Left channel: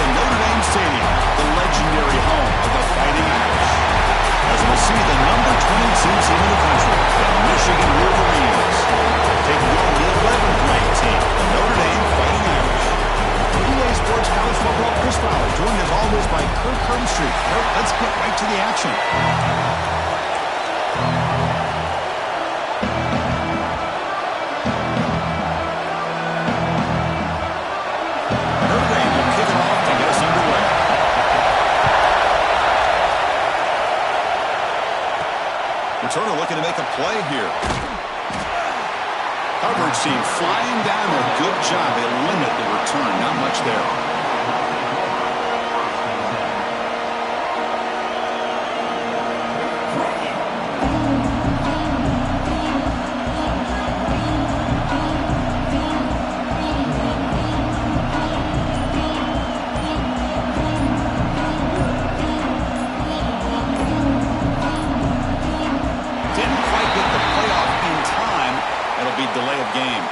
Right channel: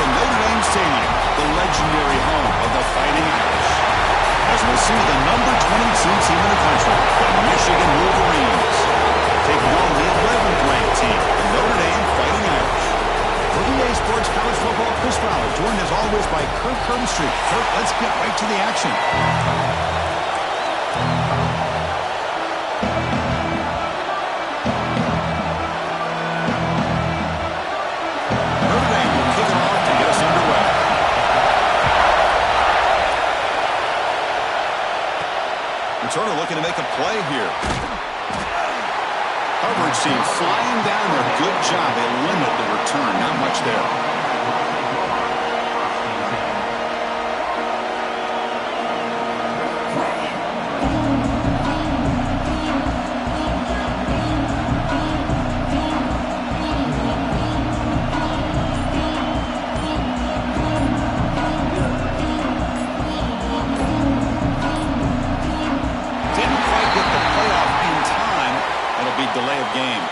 to Notre Dame Stadium, the legendary home of the Fighting Irish. As we'll see the number 22 team in the country, the Michigan Wolverines, taking on the 11th ranked team, the Notre Dame Fighting Irish. For EA Sports College Football, Chris Fowler, joined as always by Kirk Herbstreit. Kirk, let's get right to the action. Notre Dame will kick it off to get us underway. Returner looking to make a play here. Coverage team flying down there. Good job. They limit the return. Not much there. Delay of game.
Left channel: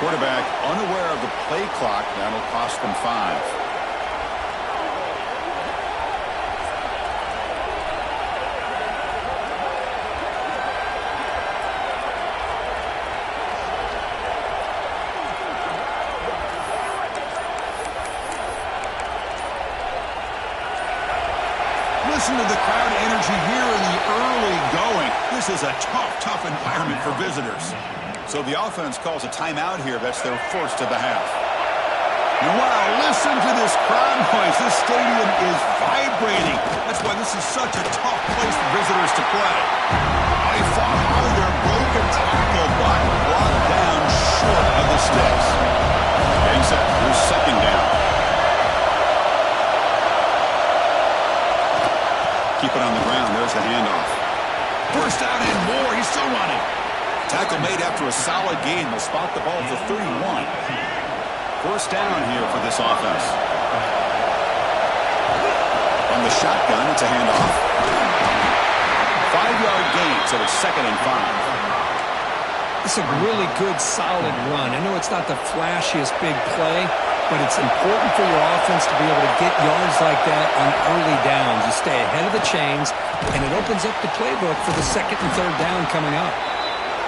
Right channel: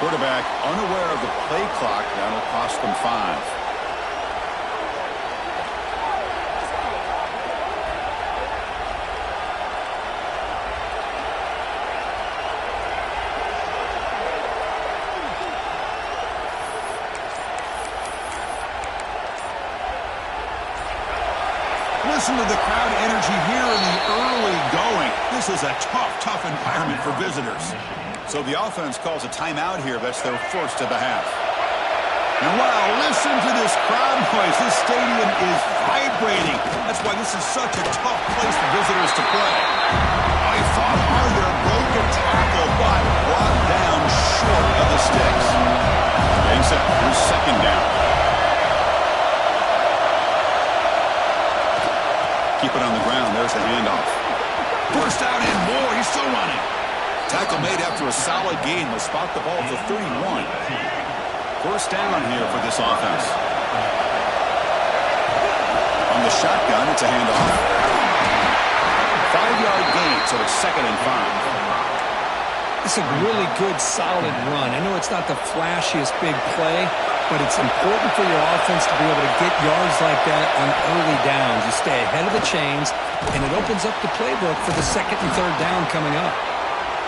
Quarterback unaware of the play clock. That'll cost them 5. Listen to the crowd energy here in the early going. This is a tough environment for visitors. So the offense calls a timeout here. That's their first of the half. And wow, listen to this crowd noise. This stadium is vibrating. That's why this is such a tough place for visitors to play. Oh, he fought hard there, broke a tackle, but brought down short of the sticks. Getting set. Here's second down. Keep it on the ground. There's the handoff. First down and more. He's still running. Tackle made after a solid gain. They'll spot the ball at the 31. First down here for this offense. On the shotgun, it's a handoff. 5-yard gain, so it's 2nd and 5. It's a really good, solid run. I know it's not the flashiest big play, but it's important for your offense to be able to get yards like that on early downs. You stay ahead of the chains, and it opens up the playbook for the 2nd and 3rd down coming up.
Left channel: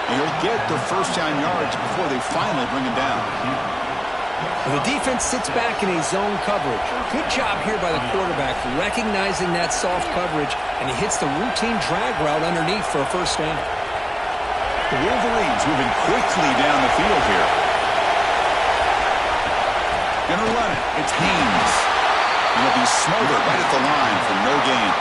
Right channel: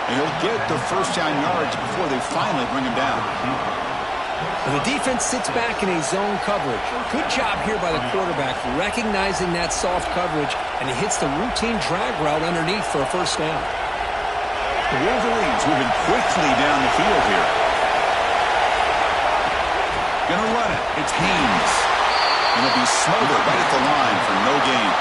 And he'll get their first down yards before they finally bring him down. Well, the defense sits back in a zone coverage. Good job here by the quarterback recognizing that soft coverage, and he hits the routine drag route underneath for a first down. The Wolverines moving quickly down the field here. Gonna run it. It's Haynes. And he'll be smothered right at the line for no gain.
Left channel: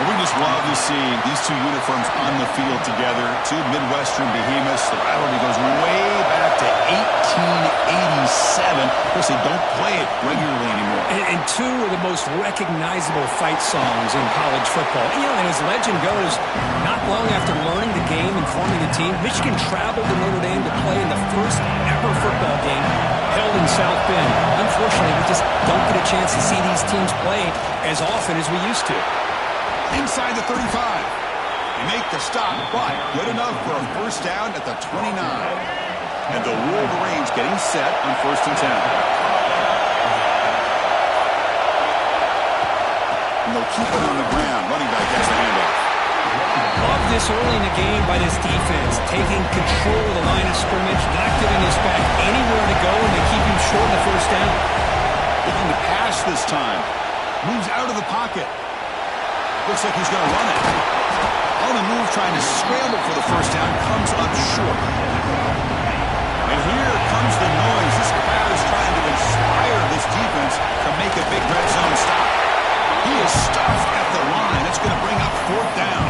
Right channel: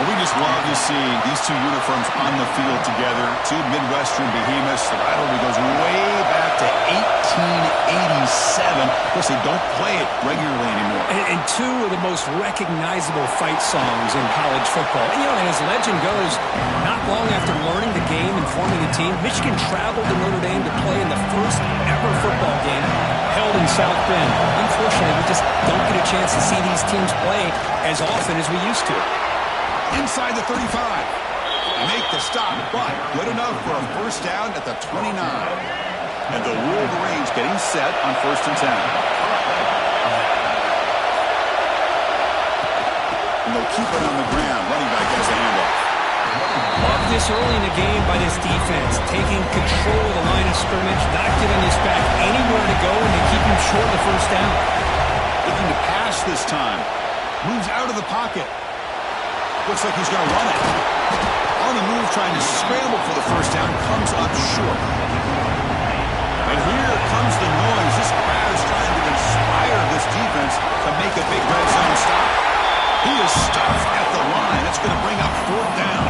Well, we just love to see these two uniforms on the field together. Two Midwestern behemoths. The rivalry goes way back to 1887. Of course, they don't play it regularly anymore. And two of the most recognizable fight songs in college football. And, and as legend goes, not long after learning the game and forming a team, Michigan traveled to Notre Dame to play in the first ever football game held in South Bend. Unfortunately, we just don't get a chance to see these teams play as often as we used to. Inside the 35. They make the stop, but good enough for a first down at the 29. And the Wolverines getting set on 1st and 10. And they'll keep it on the ground. Running back has the handoff. Love this early in the game by this defense, taking control of the line of scrimmage, not giving this back anywhere to go, and they keep him short of the first down. Looking to pass this time. Moves out of the pocket. Looks like he's going to run it. On the move, trying to scramble for the first down, comes up short. And here comes the noise. This crowd is trying to inspire this defense to make a big red zone stop. He is stuffed at the line. It's going to bring up 4th down.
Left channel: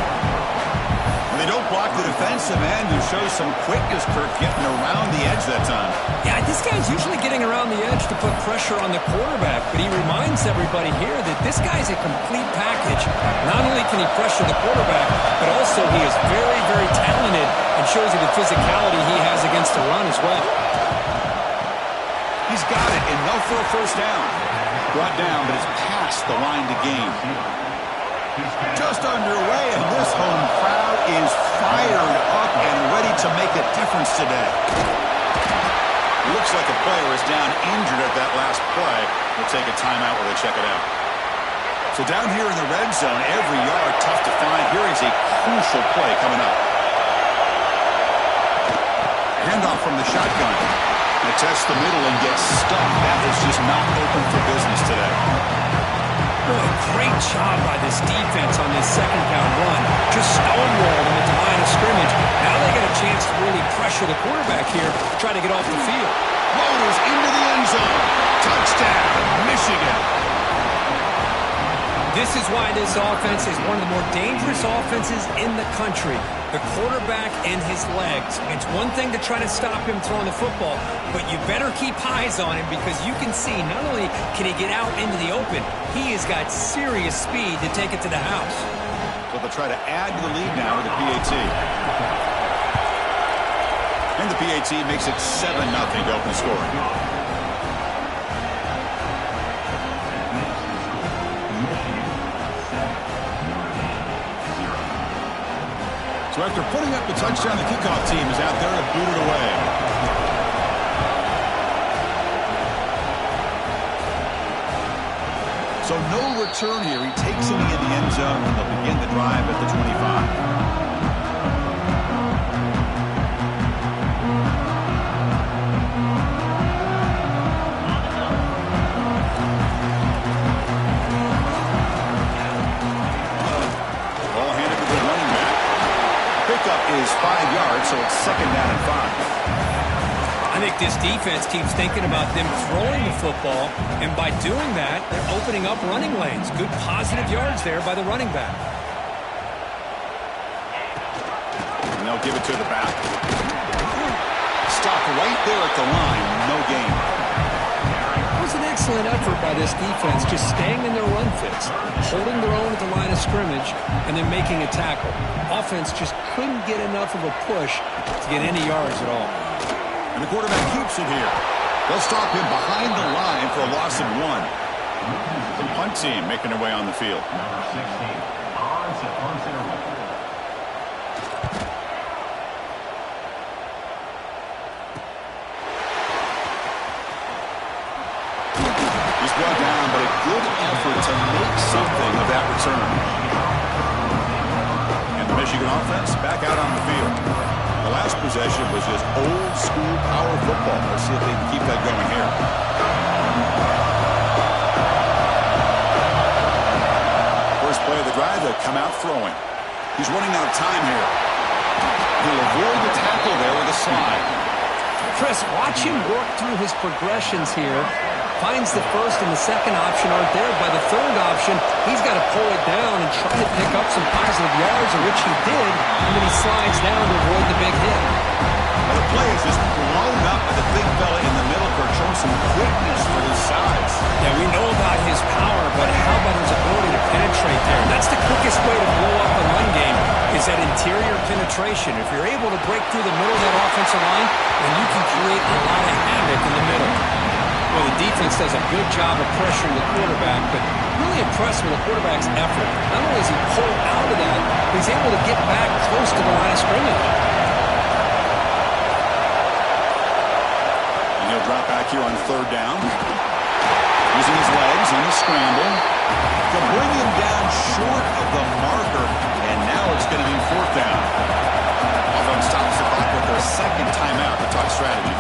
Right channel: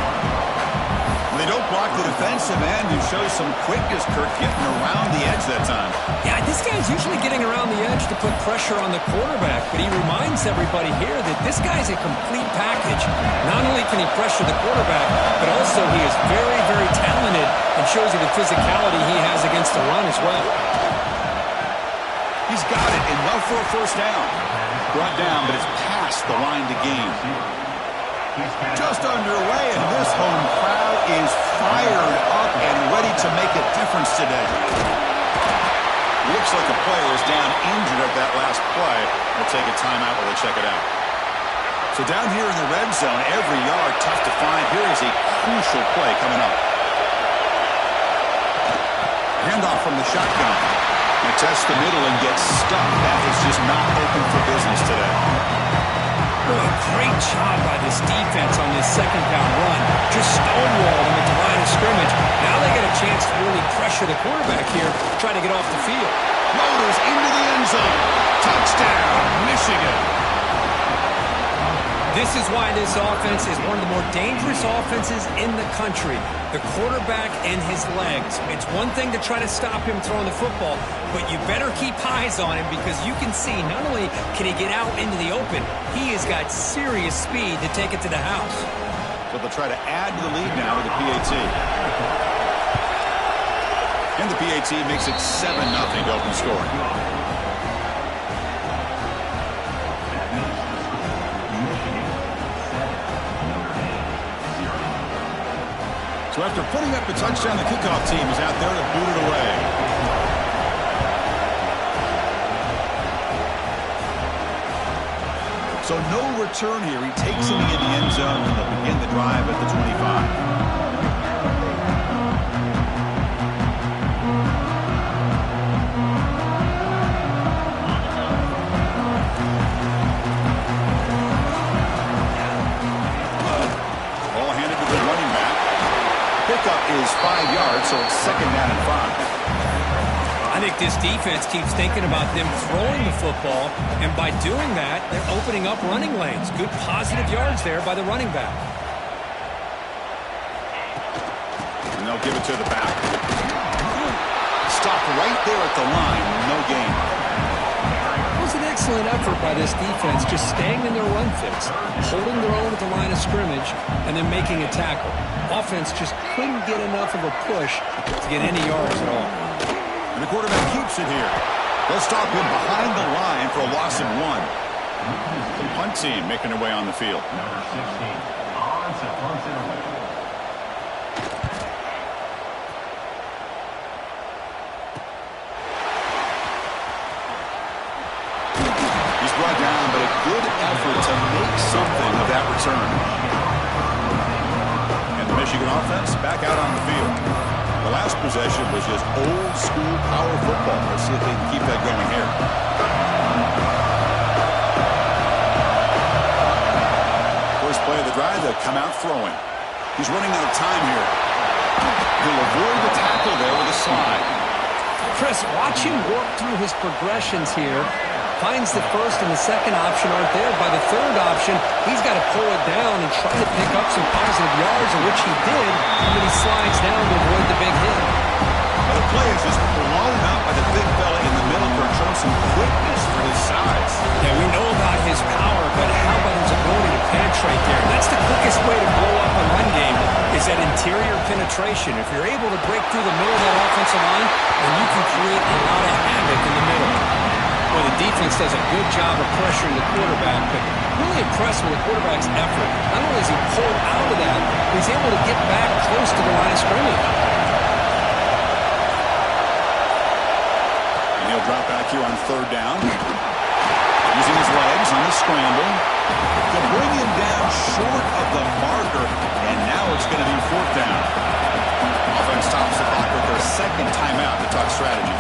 They don't block the defensive end, who shows some quickness, Kirk, getting around the edge that time. Yeah, this guy's usually getting around the edge to put pressure on the quarterback, but he reminds everybody here that this guy's a complete package. Not only can he pressure the quarterback, but also he is very, very talented and shows you the physicality he has against the run as well. He's got it. Enough for a first down. Brought down, but it's past the line to gain. Just underway, and this home crowd is fired up and ready to make a difference today. Looks like a player is down injured at that last play. We'll take a timeout while they check it out. So down here in the red zone, every yard tough to find. Here is a crucial play coming up. Handoff from the shotgun. And tests the middle and gets stuck. That is just not open for business today. Boy, great job by this defense on this second down run. Just stonewalled him at the line of scrimmage. Now they get a chance to really pressure the quarterback here, try to get off the field. Motors into the end zone. Touchdown, Michigan. This is why this offense is one of the more dangerous offenses in the country. The quarterback and his legs. It's one thing to try to stop him throwing the football, but you better keep eyes on him because you can see not only can he get out into the open, he has got serious speed to take it to the house. So they'll try to add to the lead now with the PAT. And the PAT makes it 7-0 to open scoring. So after putting up the touchdown, the kickoff team is out there to boot it away. So no return here. He takes it in the end zone, and they'll begin the drive at the 25. Pickup is 5 yards, so it's 2nd down and 5. I think this defense keeps thinking about them throwing the football, and by doing that, they're opening up running lanes. Good positive yards there by the running back. And they'll give it to the back. Stop right there at the line. No gain. It was an excellent effort by this defense, just staying in their run fits, holding their own at the line of scrimmage, and then making a tackle. Offense just couldn't get enough of a push to get any yards at all. And the quarterback keeps it here. They'll stop him behind the line for a loss of 1. The punt team making their way on the field. Number 16, on to punt it away. He's brought down, but a good effort to make something of that return. And the Michigan offense back out on the field. The last possession was just old school power football. Let's see if they can keep that going here. First play of the drive, they'll come out throwing. He's running out of time here. He'll avoid the tackle there with a slide. Chris, watch him work through his progressions here. Finds the first and the second option aren't there. By the third option, he's got to pull it down and try to pick up some positive yards, of which he did, and then he slides down to avoid the big hit. Well, the play is just blown up by the big fella in the middle, showing some quickness for his size. Yeah, we know about his power, but how about his ability to penetrate there? That's the quickest way to blow up a run game, is that interior penetration. If you're able to break through the middle of that offensive line, then you can create a lot of havoc in the middle. Well, the defense does a good job of pressuring the quarterback, but really impressed with the quarterback's effort. Not only is he pulled out of that, but he's able to get back close to the line of scrimmage. And he'll drop back here on 3rd down. Using his legs on the scramble. They'll bring him down short of the marker, and now it's going to be 4th down. Offense stops the clock with their 2nd timeout to talk strategy.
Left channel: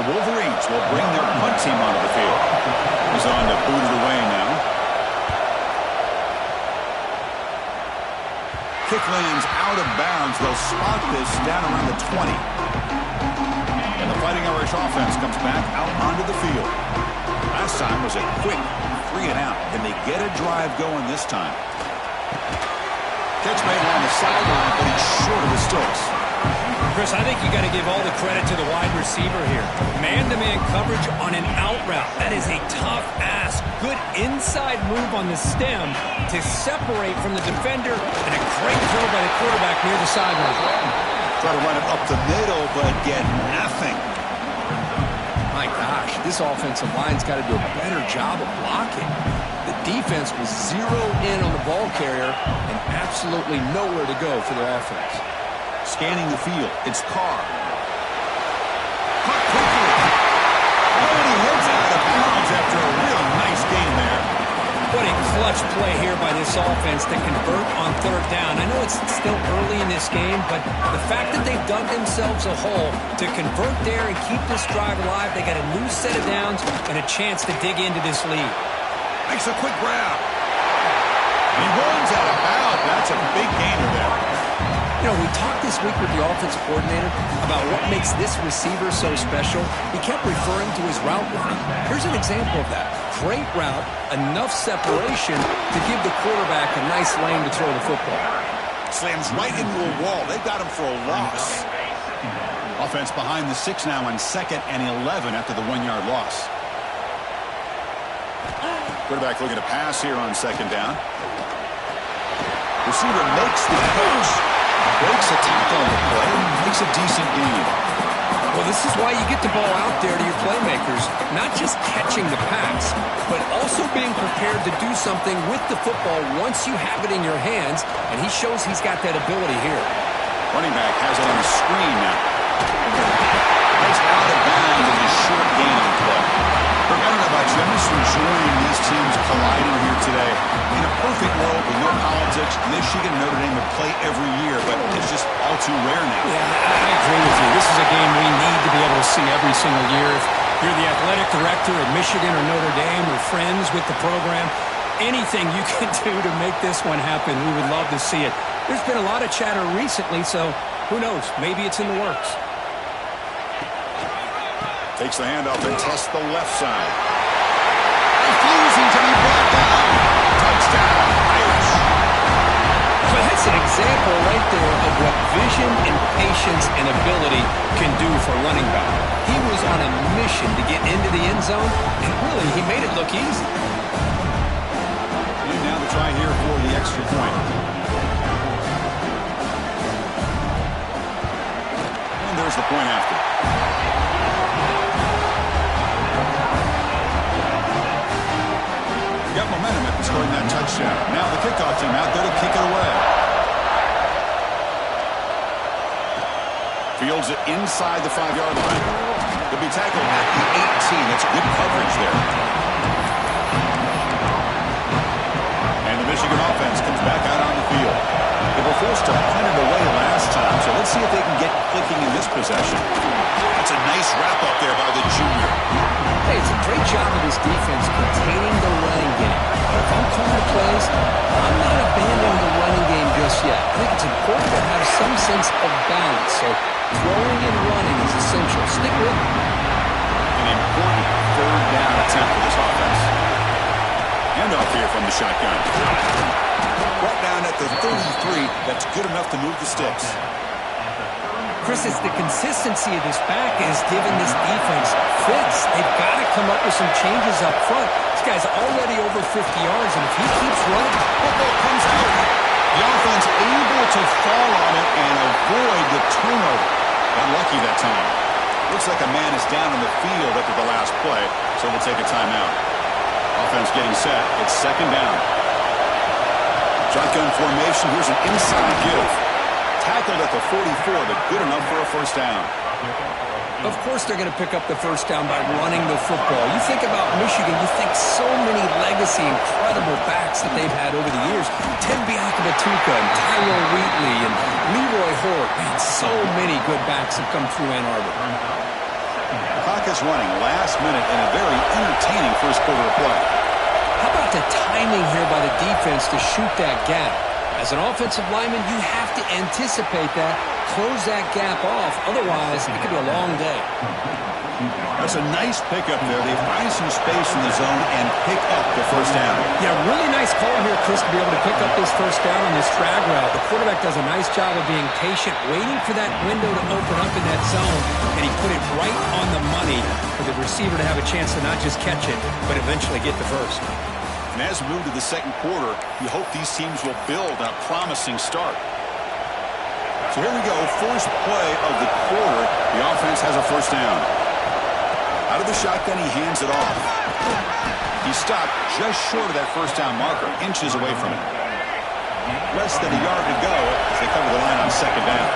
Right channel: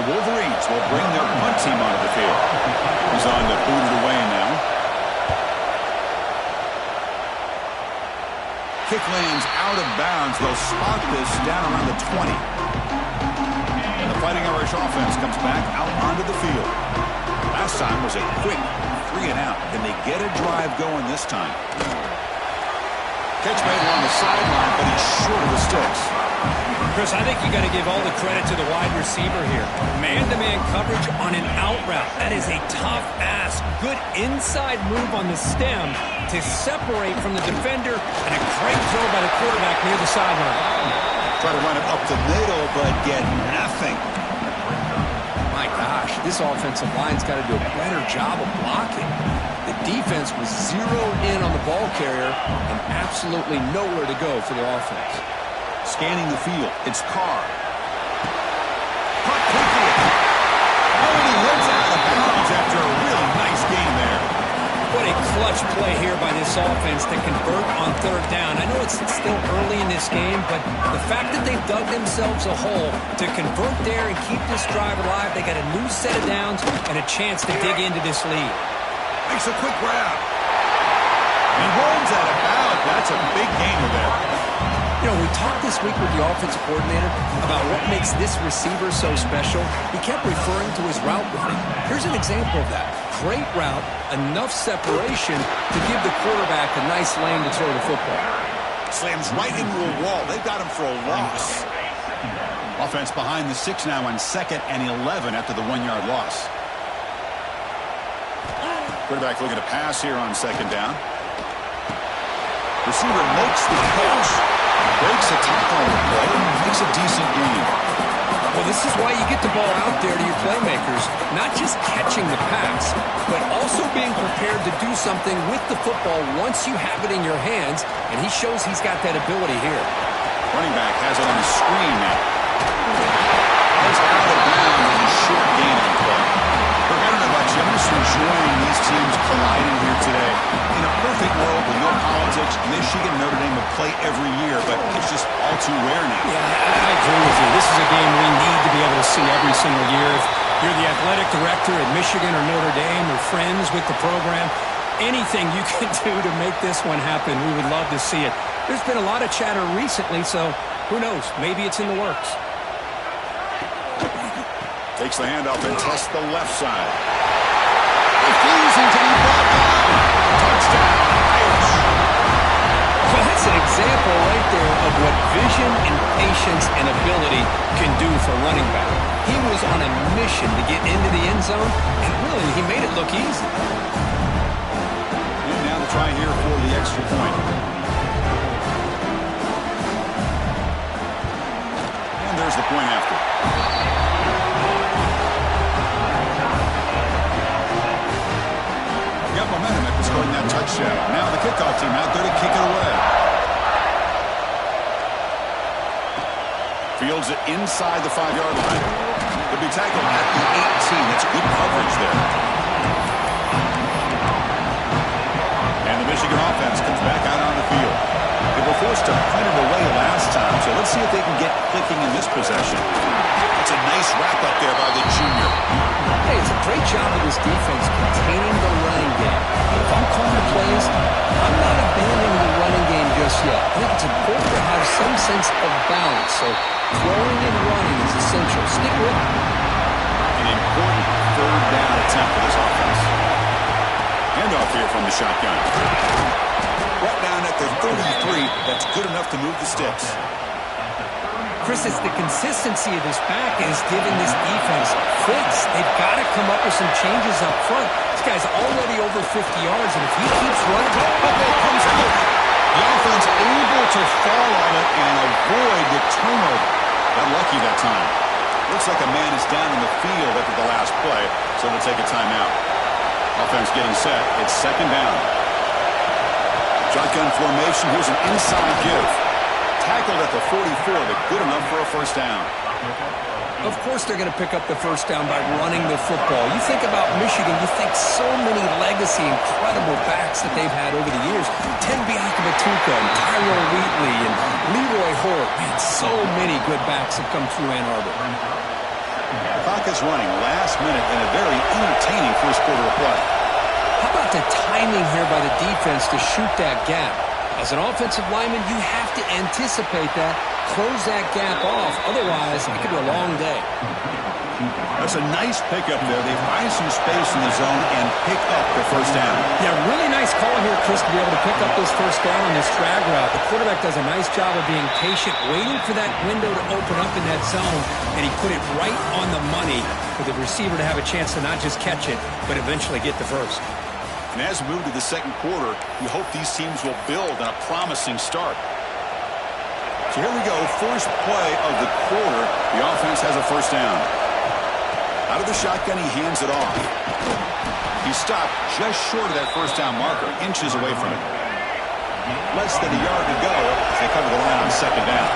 The Wolverines will bring their punt team onto the field. He's on to boot it away now. Kick lands out of bounds. They'll spot this down around the 20. And the Fighting Irish offense comes back out onto the field. Last time was a quick 3 and out. Can they get a drive going this time? Catch made along the sideline, but he's short of the sticks. Chris, I think you got to give all the credit to the wide receiver here. Man-to-man coverage on an out route. That is a tough ask. Good inside move on the stem to separate from the defender, and a great throw by the quarterback near the sideline. Try to run it up the middle, but get nothing. My gosh, this offensive line's got to do a better job of blocking. The defense was zeroed in on the ball carrier and absolutely nowhere to go for their offense. Scanning the field, it's Carr. Caught quickly. Oh, and he heads out of bounds after a really nice game there. What a clutch play here by this offense to convert on third down. I know it's still early in this game, but the fact that they've dug themselves a hole to convert there and keep this drive alive, they got a new set of downs and a chance to dig into this lead. Makes a quick grab. And he runs out of bounds. That's a big gainer there. You know, we talked this week with the offensive coordinator about what makes this receiver so special. He kept referring to his route running. Here's an example of that. Great route, enough separation to give the quarterback a nice lane to throw the football. Slams right into a wall. They've got him for a loss. Offense behind the 6 now on 2nd and 11 after the 1-yard loss. Quarterback looking to pass here on 2nd down. Receiver makes the catch. Breaks a tackle on the play. Makes a decent gain. Well, this is why you get the ball out there to your playmakers. Not just catching the pass, but also being prepared to do something with the football once you have it in your hands. And he shows he's got that ability here. Running back has it on the screen now. Heads out of bounds as a short gain on play. Look, I don't know about you. I'm just enjoying these teams colliding here today. In a perfect world with no politics, Michigan and Notre Dame would play every year, but it's just all too rare now. Yeah, I agree with you. This is a game we need to be able to see every single year. If you're the athletic director at Michigan or Notre Dame or friends with the program, anything you can do to make this one happen, we would love to see it. There's been a lot of chatter recently, so who knows? Maybe it's in the works. Takes the handoff and tests the left side. Refusing to be brought down. Touchdown, Irish. Well, that's an example right there of what vision and patience and ability can do for running back. He was on a mission to get into the end zone, and really, he made it look easy. And now the try here for the extra point. And there's the point after. Got momentum after scoring that touchdown. Now the kickoff team out there to kick it away. Fields it inside the 5-yard line. They'll be tackled at the 18. That's good coverage there. And the Michigan offense comes back out on the field. They were forced to punt it away last time, so let's see if they can get clicking in this possession. That's a nice wrap-up there by the junior. Hey, it's a great job of this defense containing the running game. But if I'm calling the plays, I'm not abandoning the running game just yet. I think it's important to have some sense of balance. So throwing and running is essential. Stick with it. An important third down attempt for this offense. Handoff here from the shotgun. Brought down at the 33. That's good enough to move the sticks. Chris, it's the consistency of this back is giving this defense fits. They've got to come up with some changes up front. This guy's already over 50 yards, and if he keeps running, football comes out. The offense able to fall on it and avoid the turnover. Got lucky that time. Looks like a man is down in the field after the last play, so we'll take a timeout. Offense getting set. It's 2nd down. Shotgun formation. Here's an inside give. Tackled at the 44, but good enough for a first down. Of course they're going to pick up the first down by running the football. You think about Michigan, you think so many legacy, incredible backs that they've had over the years. Tim Biakabatuka and Tyrone Wheatley and Leroy Hort. Man, so many good backs have come through Ann Arbor. The clock is running last minute in a very entertaining first quarter of play. How about the timing here by the defense to shoot that gap? As an offensive lineman, you have to anticipate that, close that gap off. Otherwise, it could be a long day. That's a nice pickup there. They find some space in the zone and pick up the first down. Yeah, really nice call here, Chris, to be able to pick up this first down on this drag route. The quarterback does a nice job of being patient, waiting for that window to open up in that zone, and he put it right on the money for the receiver to have a chance to not just catch it, but eventually get the first. And as we move to the second quarter, we hope these teams will build on a promising start. So here we go, first play of the quarter. The offense has a first down. Out of the shotgun, he hands it off. He stopped just short of that first down marker, inches away from it. Less than a yard to go as they cover the line on second down.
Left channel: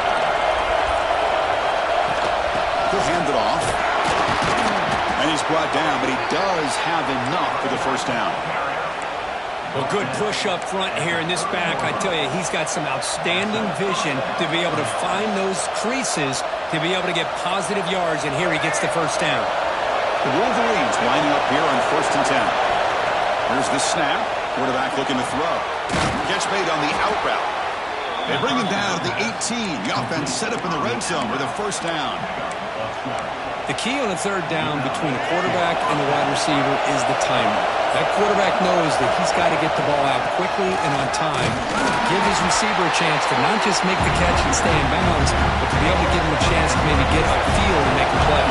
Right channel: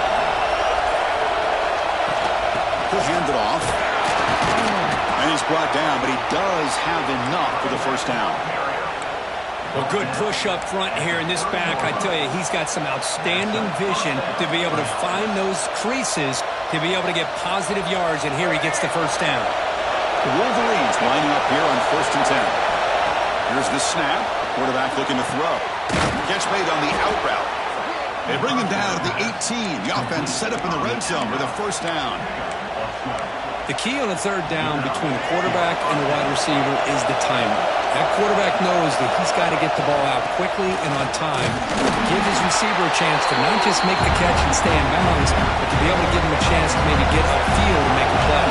He'll hand it off. And he's brought down, but he does have enough for the first down. Well, good push up front here in this back. I tell you, he's got some outstanding vision to be able to find those creases, to be able to get positive yards, and here he gets the first down. The Wolverines lining up here on 1st and 10. Here's the snap. Quarterback looking to throw. Catch made on the out route. They bring him down to the 18. The offense set up in the red zone with a first down. The key on a third down between the quarterback and the wide receiver is the timing. That quarterback knows that he's got to get the ball out quickly and on time, give his receiver a chance to not just make the catch and stay in bounds, but to be able to give him a chance to maybe get upfield and make a play.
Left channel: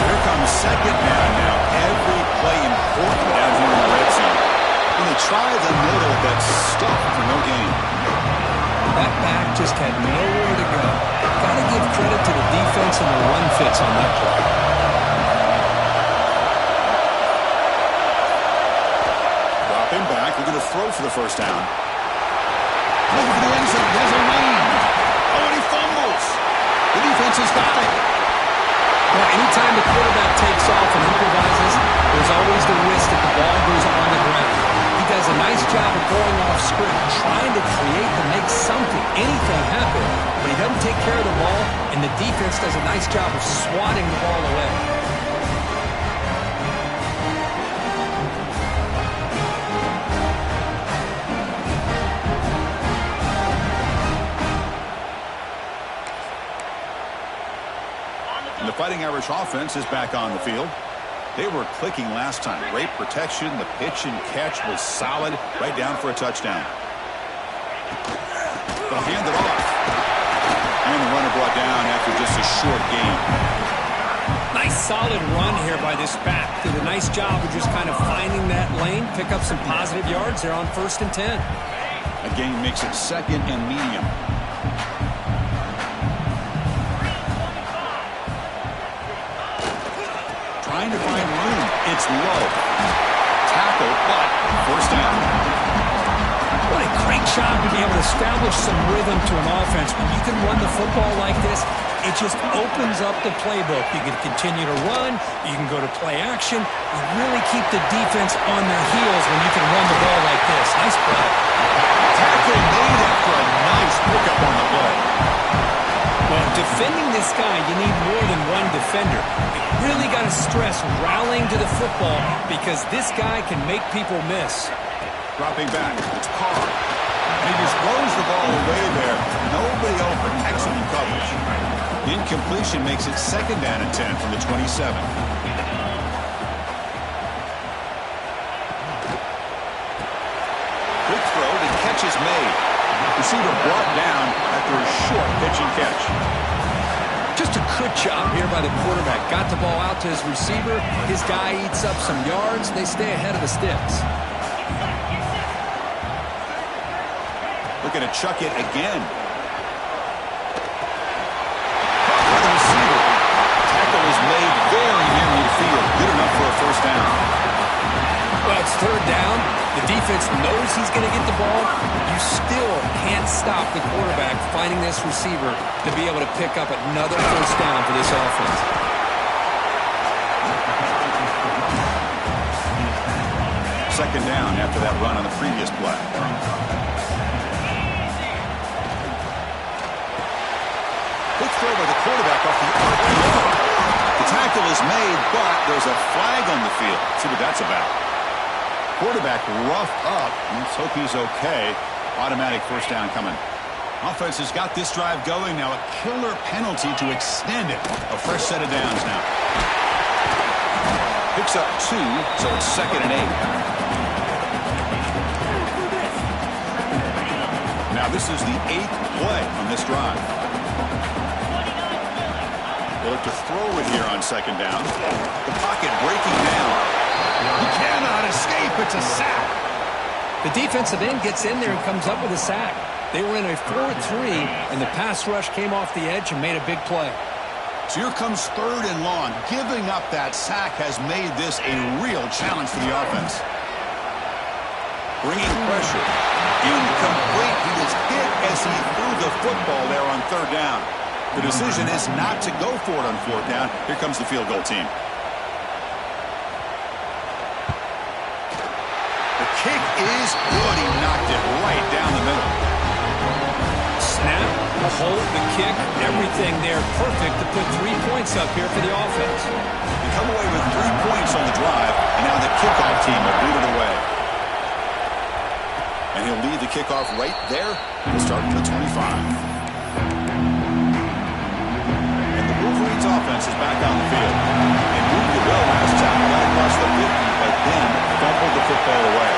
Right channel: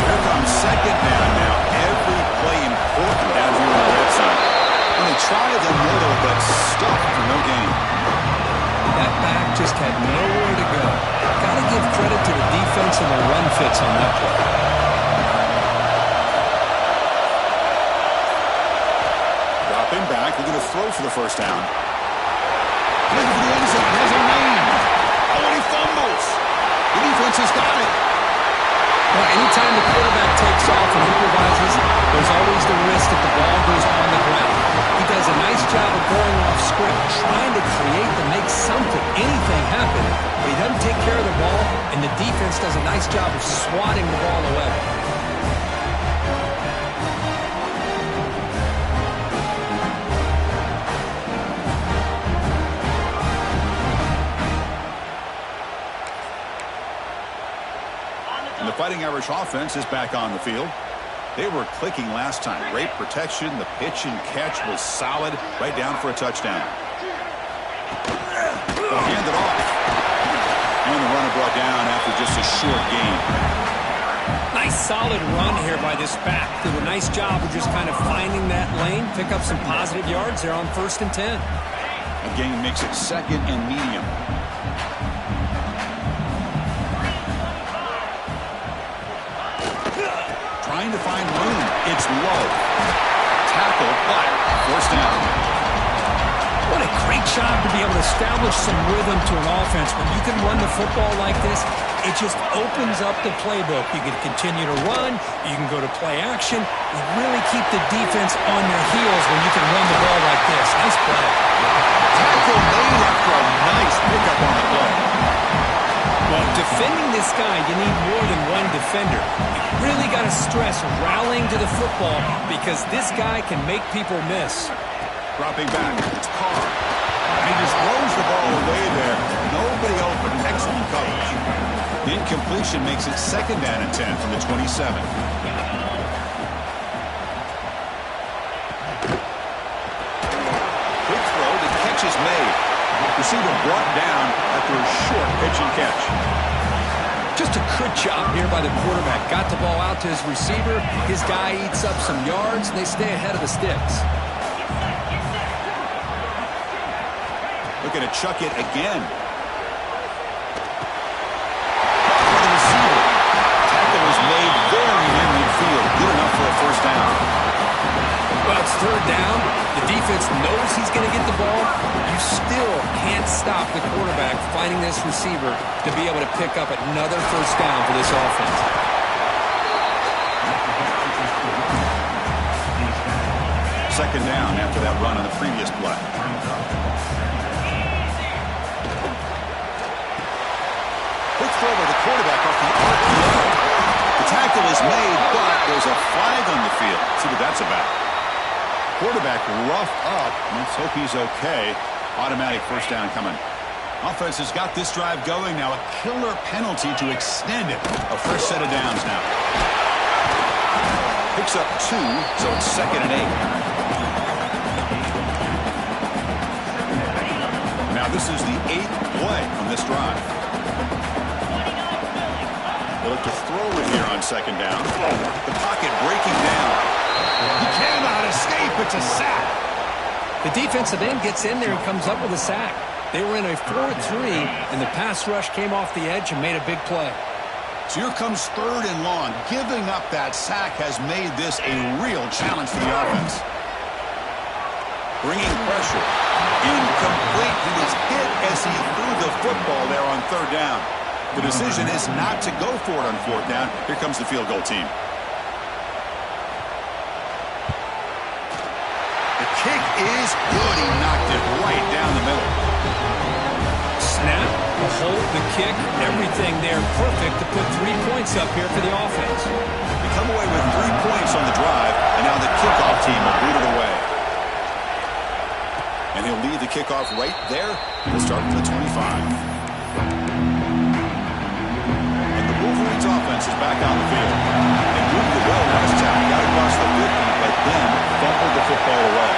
So here comes second down now. Every play important down here in the red zone. And they try the middle, but stuck for no gain. That back just had nowhere to go. Got to give credit to the defense and the run fits on that play. Dropping back, looking to throw for the first down. Looking for the end zone, he has a lane. Oh, and he fumbles. The defense has got it. Well, anytime the quarterback takes off and improvises, there's always the risk that the ball goes on the ground. He does a nice job of going off script, trying to create to make something, anything happen, but he doesn't take care of the ball, and the defense does a nice job of swatting the ball away. And the Fighting Irish offense is back on the field. They were clicking last time. Great protection. The pitch and catch was solid. Right down for a touchdown. They'll hand it off. And the runner brought down after just a short gain. Nice solid run here by this back. Did a nice job of just kind of finding that lane, pick up some positive yards there on 1st and 10. A gain makes it 2nd and medium. Trying to find room. It's low. Tackled, but forced down. What a great job to be able to establish some rhythm to an offense. When you can run the football like this, it just opens up the playbook. You can continue to run. You can go to play action. You really keep the defense on their heels when you can run the ball like this. Nice play. Tackle made after a nice pickup on the play. Well, defending this guy, you need more than one defender. You really got to stress rallying to the football because this guy can make people miss. Dropping back, it's Carr. And he just throws the ball away there. Nobody open. Excellent coverage. Incompletion makes it 2nd down and 10 from the 27. Quick throw, the catch is made. Receiver brought down after a short pitch and catch. Just a good job here by the quarterback. Got the ball out to his receiver. His guy eats up some yards. They stay ahead of the sticks. Looking to chuck it again. For the receiver. Tackle is made very near midfield. Good enough for a first down. Well, it's 3rd down. The defense knows he's going to get the ball. You still can't stop the quarterback finding this receiver to be able to pick up another first down for this offense. Second down after that run on the previous play. Quick throw by the quarterback off the RPO. The tackle is made, but there's a flag on the field. Let's see what that's about. Quarterback rough up. Let's hope he's okay. Automatic first down coming. Offense has got this drive going now. A killer penalty to extend it. A fresh set of downs now. Picks up 2, so it's 2nd and 8. Now this is the 8th play on this drive. They look to throw it here on 2nd down. The pocket breaking down. He cannot escape. It's a sack. The defensive end gets in there and comes up with a sack. They were in a 4-3, and the pass rush came off the edge and made a big play. So here comes 3rd and long. Giving up that sack has made this a real challenge for the offense. Bringing pressure. Incomplete. He was hit as he threw the football there on 3rd down. The decision is not to go for it on 4th down. Here comes the field goal team. The kick is good. He knocked it right down the middle. Snap, the hold, the kick, everything there perfect to put 3 points up here for the offense. They come away with 3 points on the drive, and now the kickoff team will boot it away. And he'll lead the kickoff right there. He'll start from the 25. And the Wolverines offense is back on the field. They moved it well last time, got across the 50, but then fumbled the football away.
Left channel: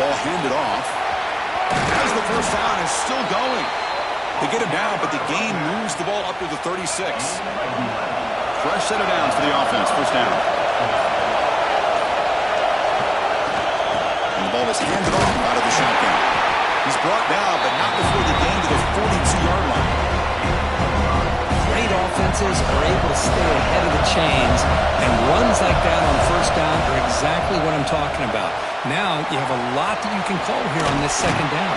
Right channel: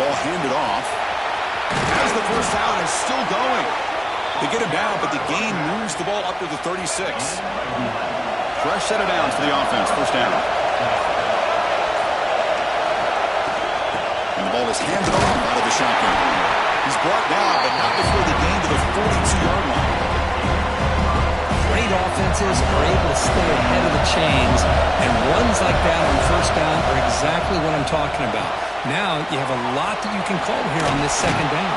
Ball handed off. As the first down is still going. They get him down, but the gain moves the ball up to the 36. Fresh set of downs for the offense. First down. And the ball is handed off out of the shotgun. He's brought down, but not before the gain to the 42-yard line. Great offenses are able to stay ahead of the chains, and runs like that on first down are exactly what I'm talking about. Now you have a lot that you can call here on this 2nd down.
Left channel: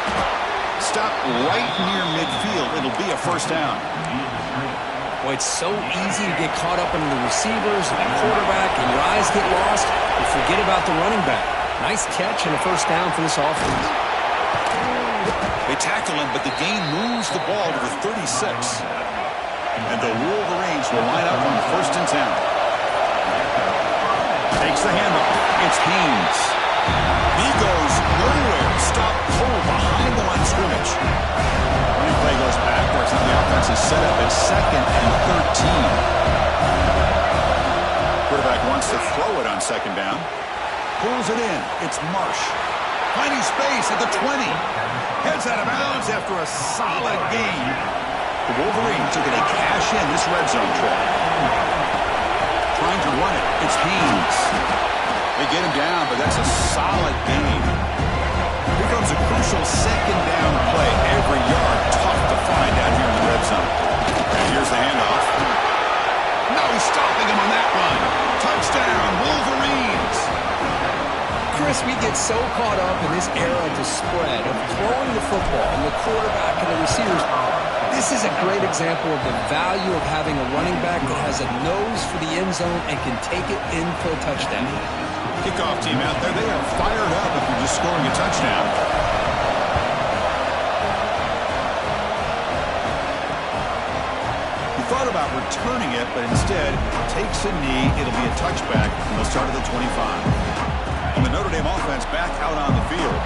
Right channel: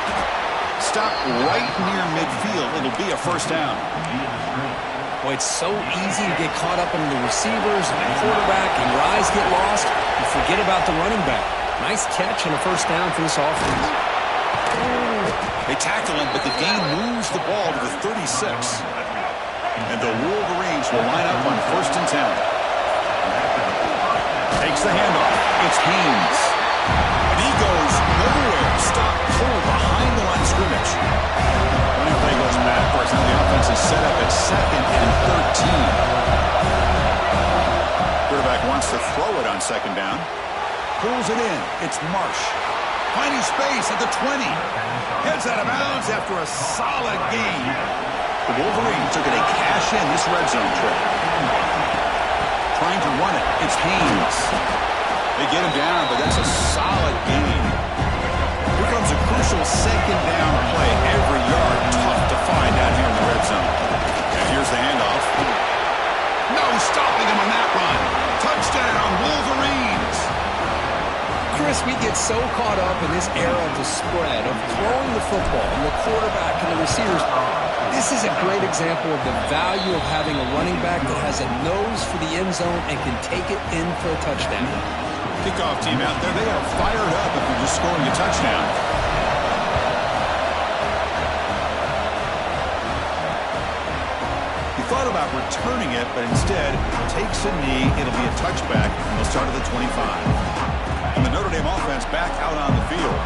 Stop right near midfield. It'll be a first down. Boy, it's so easy to get caught up in the receivers and the quarterback, and your eyes get lost. You forget about the running back. Nice catch and a first down for this offense. They tackle him, but the gain moves the ball to the 36. And the Wolverines will line up on 1st and 10. Takes the handoff. It's Haynes. And he goes nowhere. Stop cold behind the line of scrimmage. Running play goes backwards. Now the offense is set up at 2nd and 13. Quarterback wants to throw it on 2nd down. Pulls it in. It's Marsh. Finding space at the 20. Heads out of bounds after a solid gain. The Wolverines are going to cash in this red zone trip. Trying to run it. It's Haynes. They get him down, but that's a solid gain. Here comes a crucial 2nd down play. Every yard tough to find out here in the red zone. And here's the handoff. No stopping him on that run. Touchdown, Wolverines. Chris, we get so caught up in this era of the spread, of throwing the football, and the quarterback and the receivers. This is a great example of the value of having a running back that has a nose for the end zone and can take it in for a touchdown. Kickoff team out there, they are fired up if you're just scoring a touchdown. He thought about returning it, but instead takes a knee. It'll be a touchback, and they'll start at the 25. And the Notre Dame offense back out on the field.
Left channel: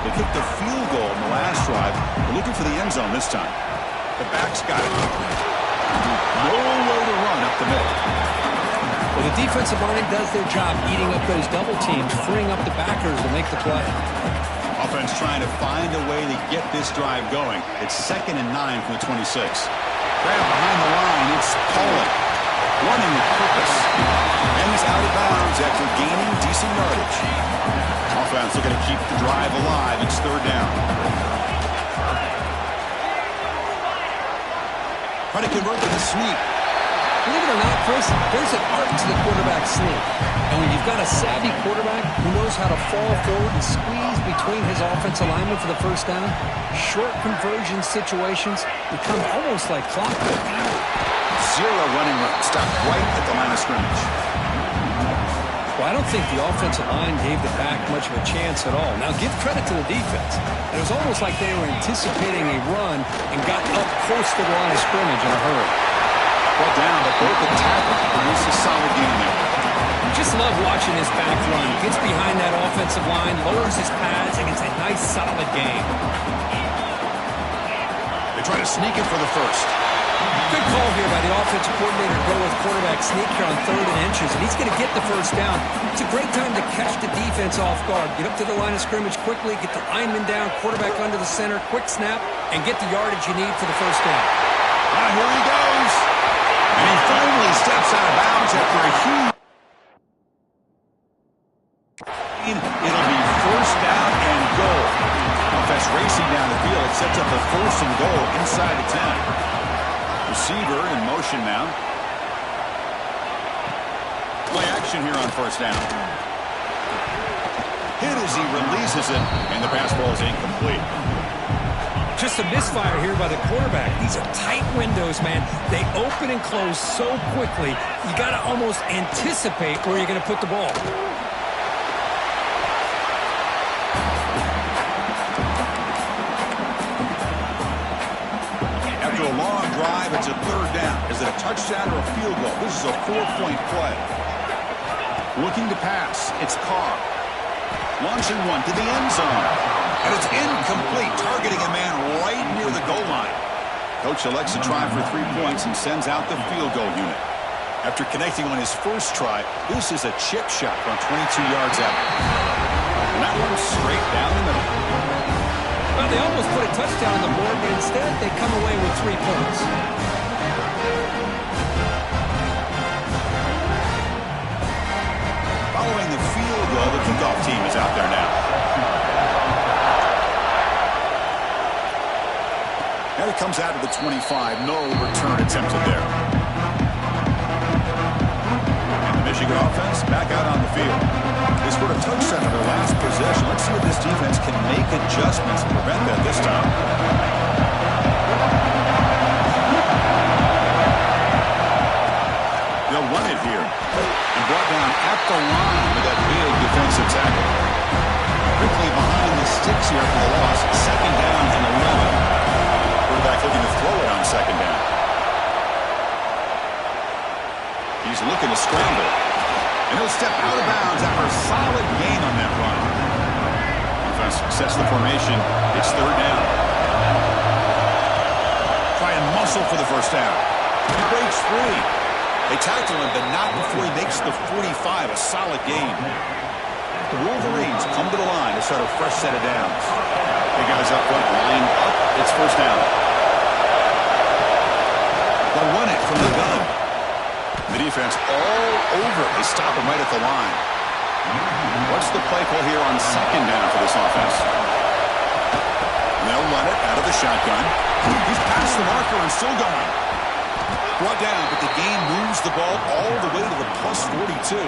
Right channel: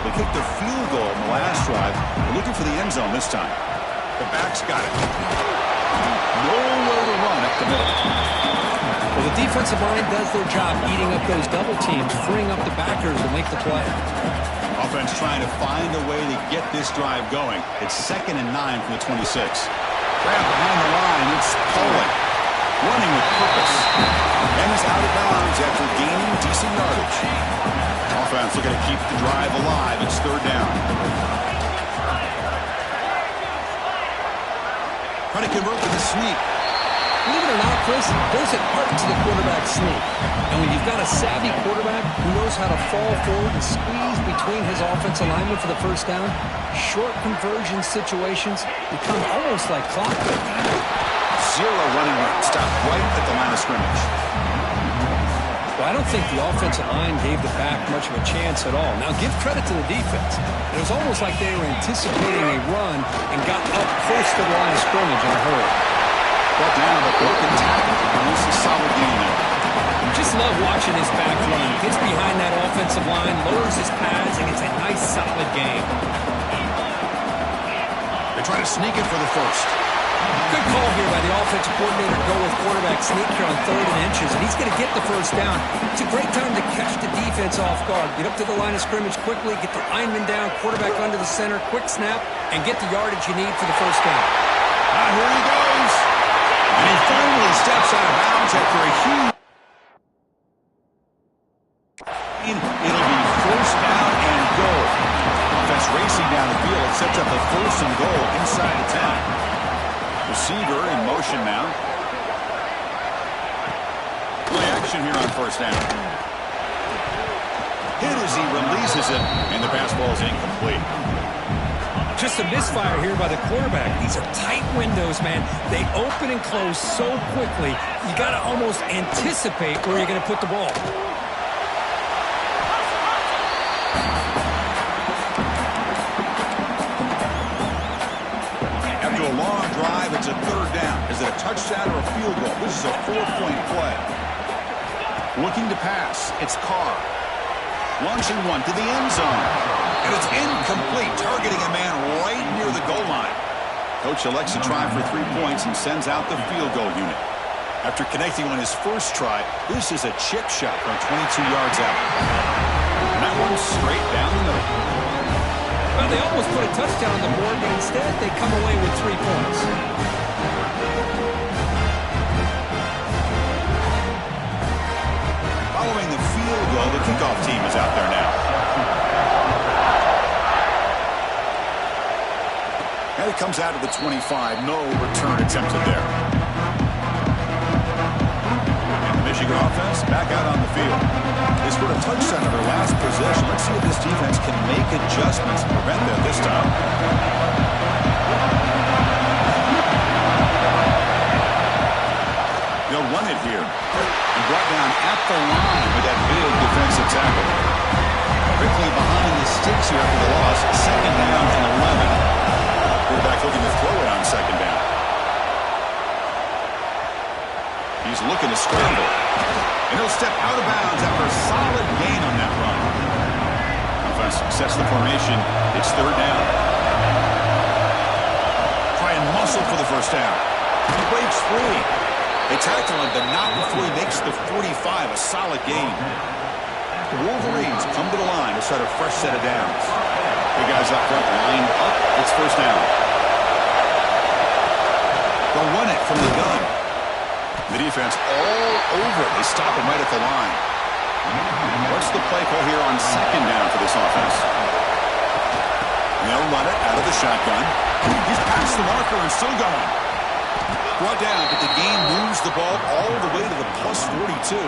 They kicked the field goal in the last drive. They're looking for the end zone this time. The back's got it. Nowhere to run up the middle. Well, the defensive line does their job eating up those double teams, freeing up the backers to make the play. Offense trying to find a way to get this drive going. It's 2nd and 9 from the 26. Grab behind the line. It's Pauling. Running with purpose. And he's out of bounds after gaining decent yardage. Offense looking to keep the drive alive. It's 3rd down. Trying to convert to the sneak. Believe it or not, Chris, there's an art to the quarterback sneak. And when you've got a savvy quarterback who knows how to fall forward and squeeze between his offensive linemen for the first down, short conversion situations become almost like clockwork. Zero running room. Stopped right at the line of scrimmage. Well, I don't think the offensive line gave the back much of a chance at all. Now, give credit to the defense. It was almost like they were anticipating a run and got up close to the line of scrimmage in a hurry. Brought down, but broken tackle to produce a solid gain there. Just love watching his back run. Gets behind that offensive line, lowers his pads, and gets a nice, solid gain. They try to sneak it for the first. Good call here by the offensive coordinator to go with quarterback sneak here on 3rd and inches, and he's going to get the first down. It's a great time to catch the defense off guard. Get up to the line of scrimmage quickly, get the lineman down, quarterback under the center, quick snap, and get the yardage you need for the first down. Now here he goes. And he finally steps out of bounds after a huge... screen. It'll be first down and goal. Offense racing down the field. It sets up the first and goal inside the 10. Receiver in motion now. Play action here on first down. Hit as he releases it, and the pass ball is incomplete. Just a misfire here by the quarterback. These are tight windows, man. They open and close so quickly, you got to almost anticipate where you're going to put the ball. After a long drive, it's a third down. Is it a touchdown or a field goal? This is a 4-point play. Looking to pass. It's Carr. Launching one to the end zone. And it's incomplete, targeting a man right near the goal line. Coach elects to try for 3 points and sends out the field goal unit. After connecting on his first try, this is a chip shot from 22 yards out. And that one's straight down the middle. Well, they almost put a touchdown on the board, but instead they come away with 3 points. Following the field goal, the kickoff team is out there now. And it comes out of the 25. No return attempted there. And the Michigan offense back out on the field. They scored a touchdown on their last possession. Let's see if this defense can make adjustments to prevent that this time. They'll run it here. And brought down at the line with that big defensive tackle. Quickly behind the sticks here after the loss. Second down and 11. Quarterback looking to throw it on second down. He's looking to scramble. And he'll step out of bounds after a solid gain on that run. Offense sets the formation. It's third down. Try and muscle for the first down. He breaks free. They tackle him, but not before he makes the 45. A solid gain. The Wolverines come to the line to start a fresh set of downs. The guys up front lined up. It's first down. They'll run it from the gun. The defense all over it. They stop him right at the line. What's the play call here on second down for this offense? And they'll run it out of the shotgun. He's past the marker and still going. Brought down, but the game moves the ball all the way to the plus 42.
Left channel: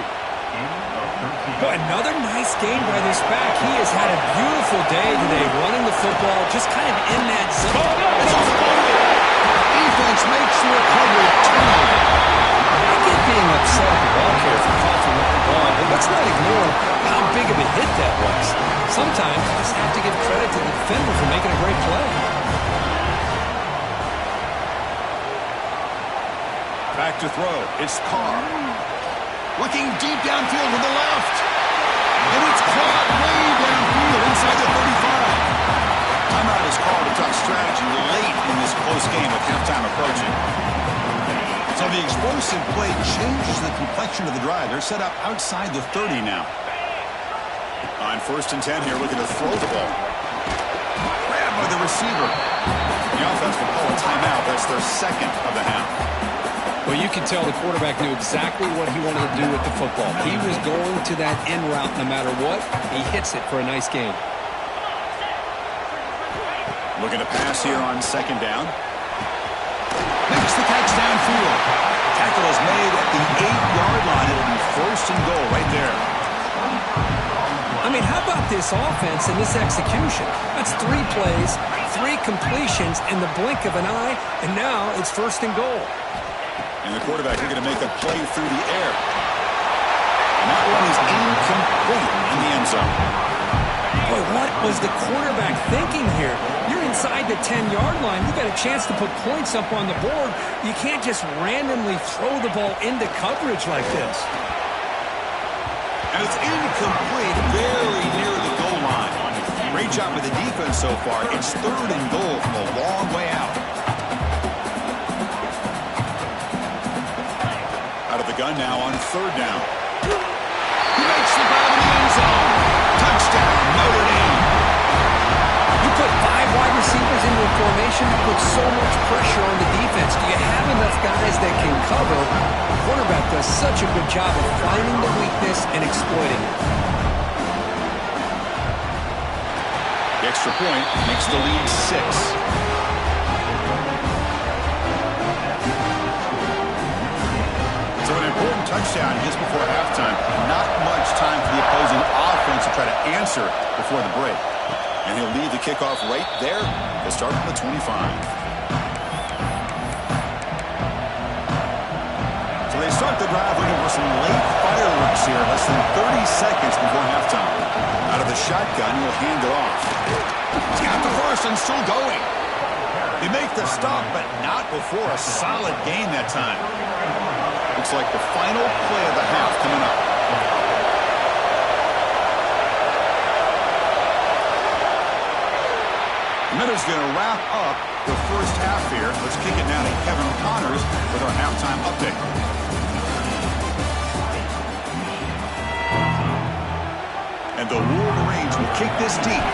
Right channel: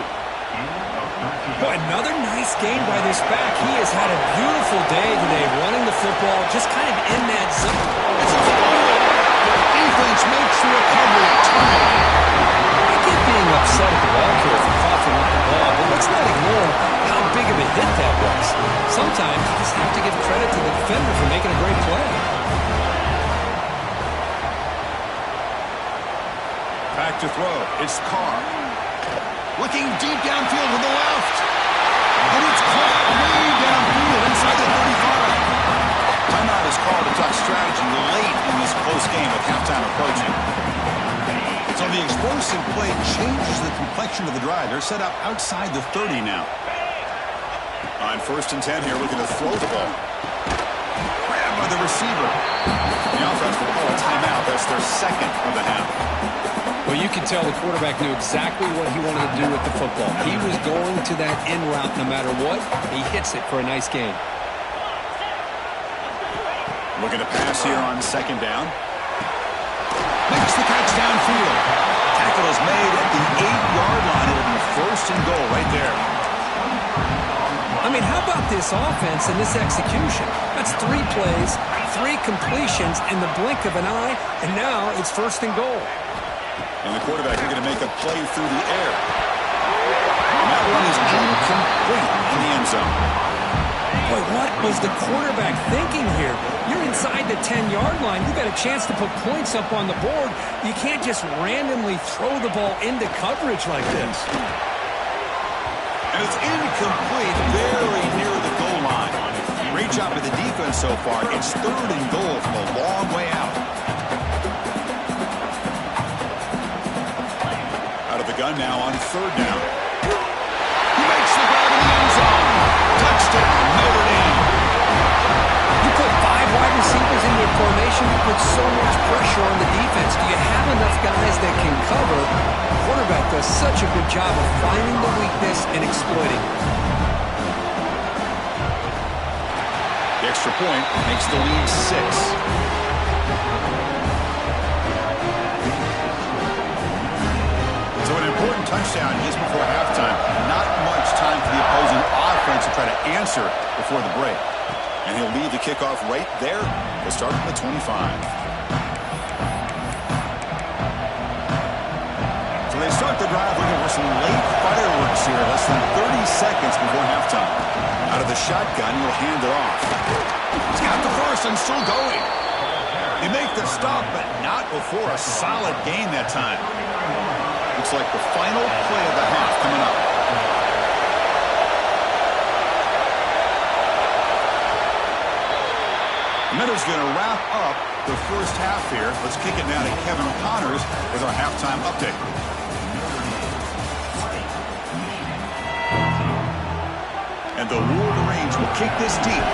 Boy, another nice game by this back. He has had a beautiful day today running the football, just kind of in that zone. It's a fumble. Defense makes the recovery, a turnover. I get being upset at the ball carrier for coughing up the ball, but let's not ignore how big of a hit that was. Sometimes you just have to give credit to the defender for making a great play. Back to throw. It's Carr. Looking deep downfield to the left. And it's caught way downfield inside the 35. Timeout is called to talk strategy late in this close game with halftime approaching. So the explosive play changes the complexion of the drive. They're set up outside the 30 now. On first and 10 here, looking to throw the ball. Grabbed by the receiver. The offense will call a timeout. That's their second of the half. Well, you can tell the quarterback knew exactly what he wanted to do with the football. He was going to that in route no matter what. He hits it for a nice gain. Looking to pass here on second down. Makes the catch downfield. Tackle is made at the 8-yard line. It'll be first and goal right there. I mean, how about this offense and this execution? That's 3 plays, 3 completions in the blink of an eye, and now it's first and goal. And the quarterback is going to make a play through the air. And that one is incomplete in the end zone. Boy, what was the quarterback thinking here? You're inside the 10-yard line. You've got a chance to put points up on the board. You can't just randomly throw the ball into coverage like this. And it's incomplete, very near the goal line. Great job by the defense so far. It's third and goal from a long way out. Out of the gun now on third down. He makes the grab in the end zone. Touchdown, Notre Dame. You put 5 wide receivers into a formation, you put so much pressure on the defense. Do you have enough guys that can cover? The quarterback does such a good job of finding the weakness and exploiting it. The extra point makes the lead 6. So an important touchdown just before halftime. Not much time for the opposing offense to try to answer before the break. And he'll leave the kickoff right there. He'll start from the 25. So they start the drive looking for some late fireworks here. Less than 30 seconds before halftime. Out of the shotgun, he'll hand it off. He's got the first and still going. They make the stop, but not before a solid gain that time. Looks like the final play of the half coming up. The Minute's going to wrap up the first half here. Let's kick it now to Kevin Connors with our halftime update. And the Wolverines will kick this deep.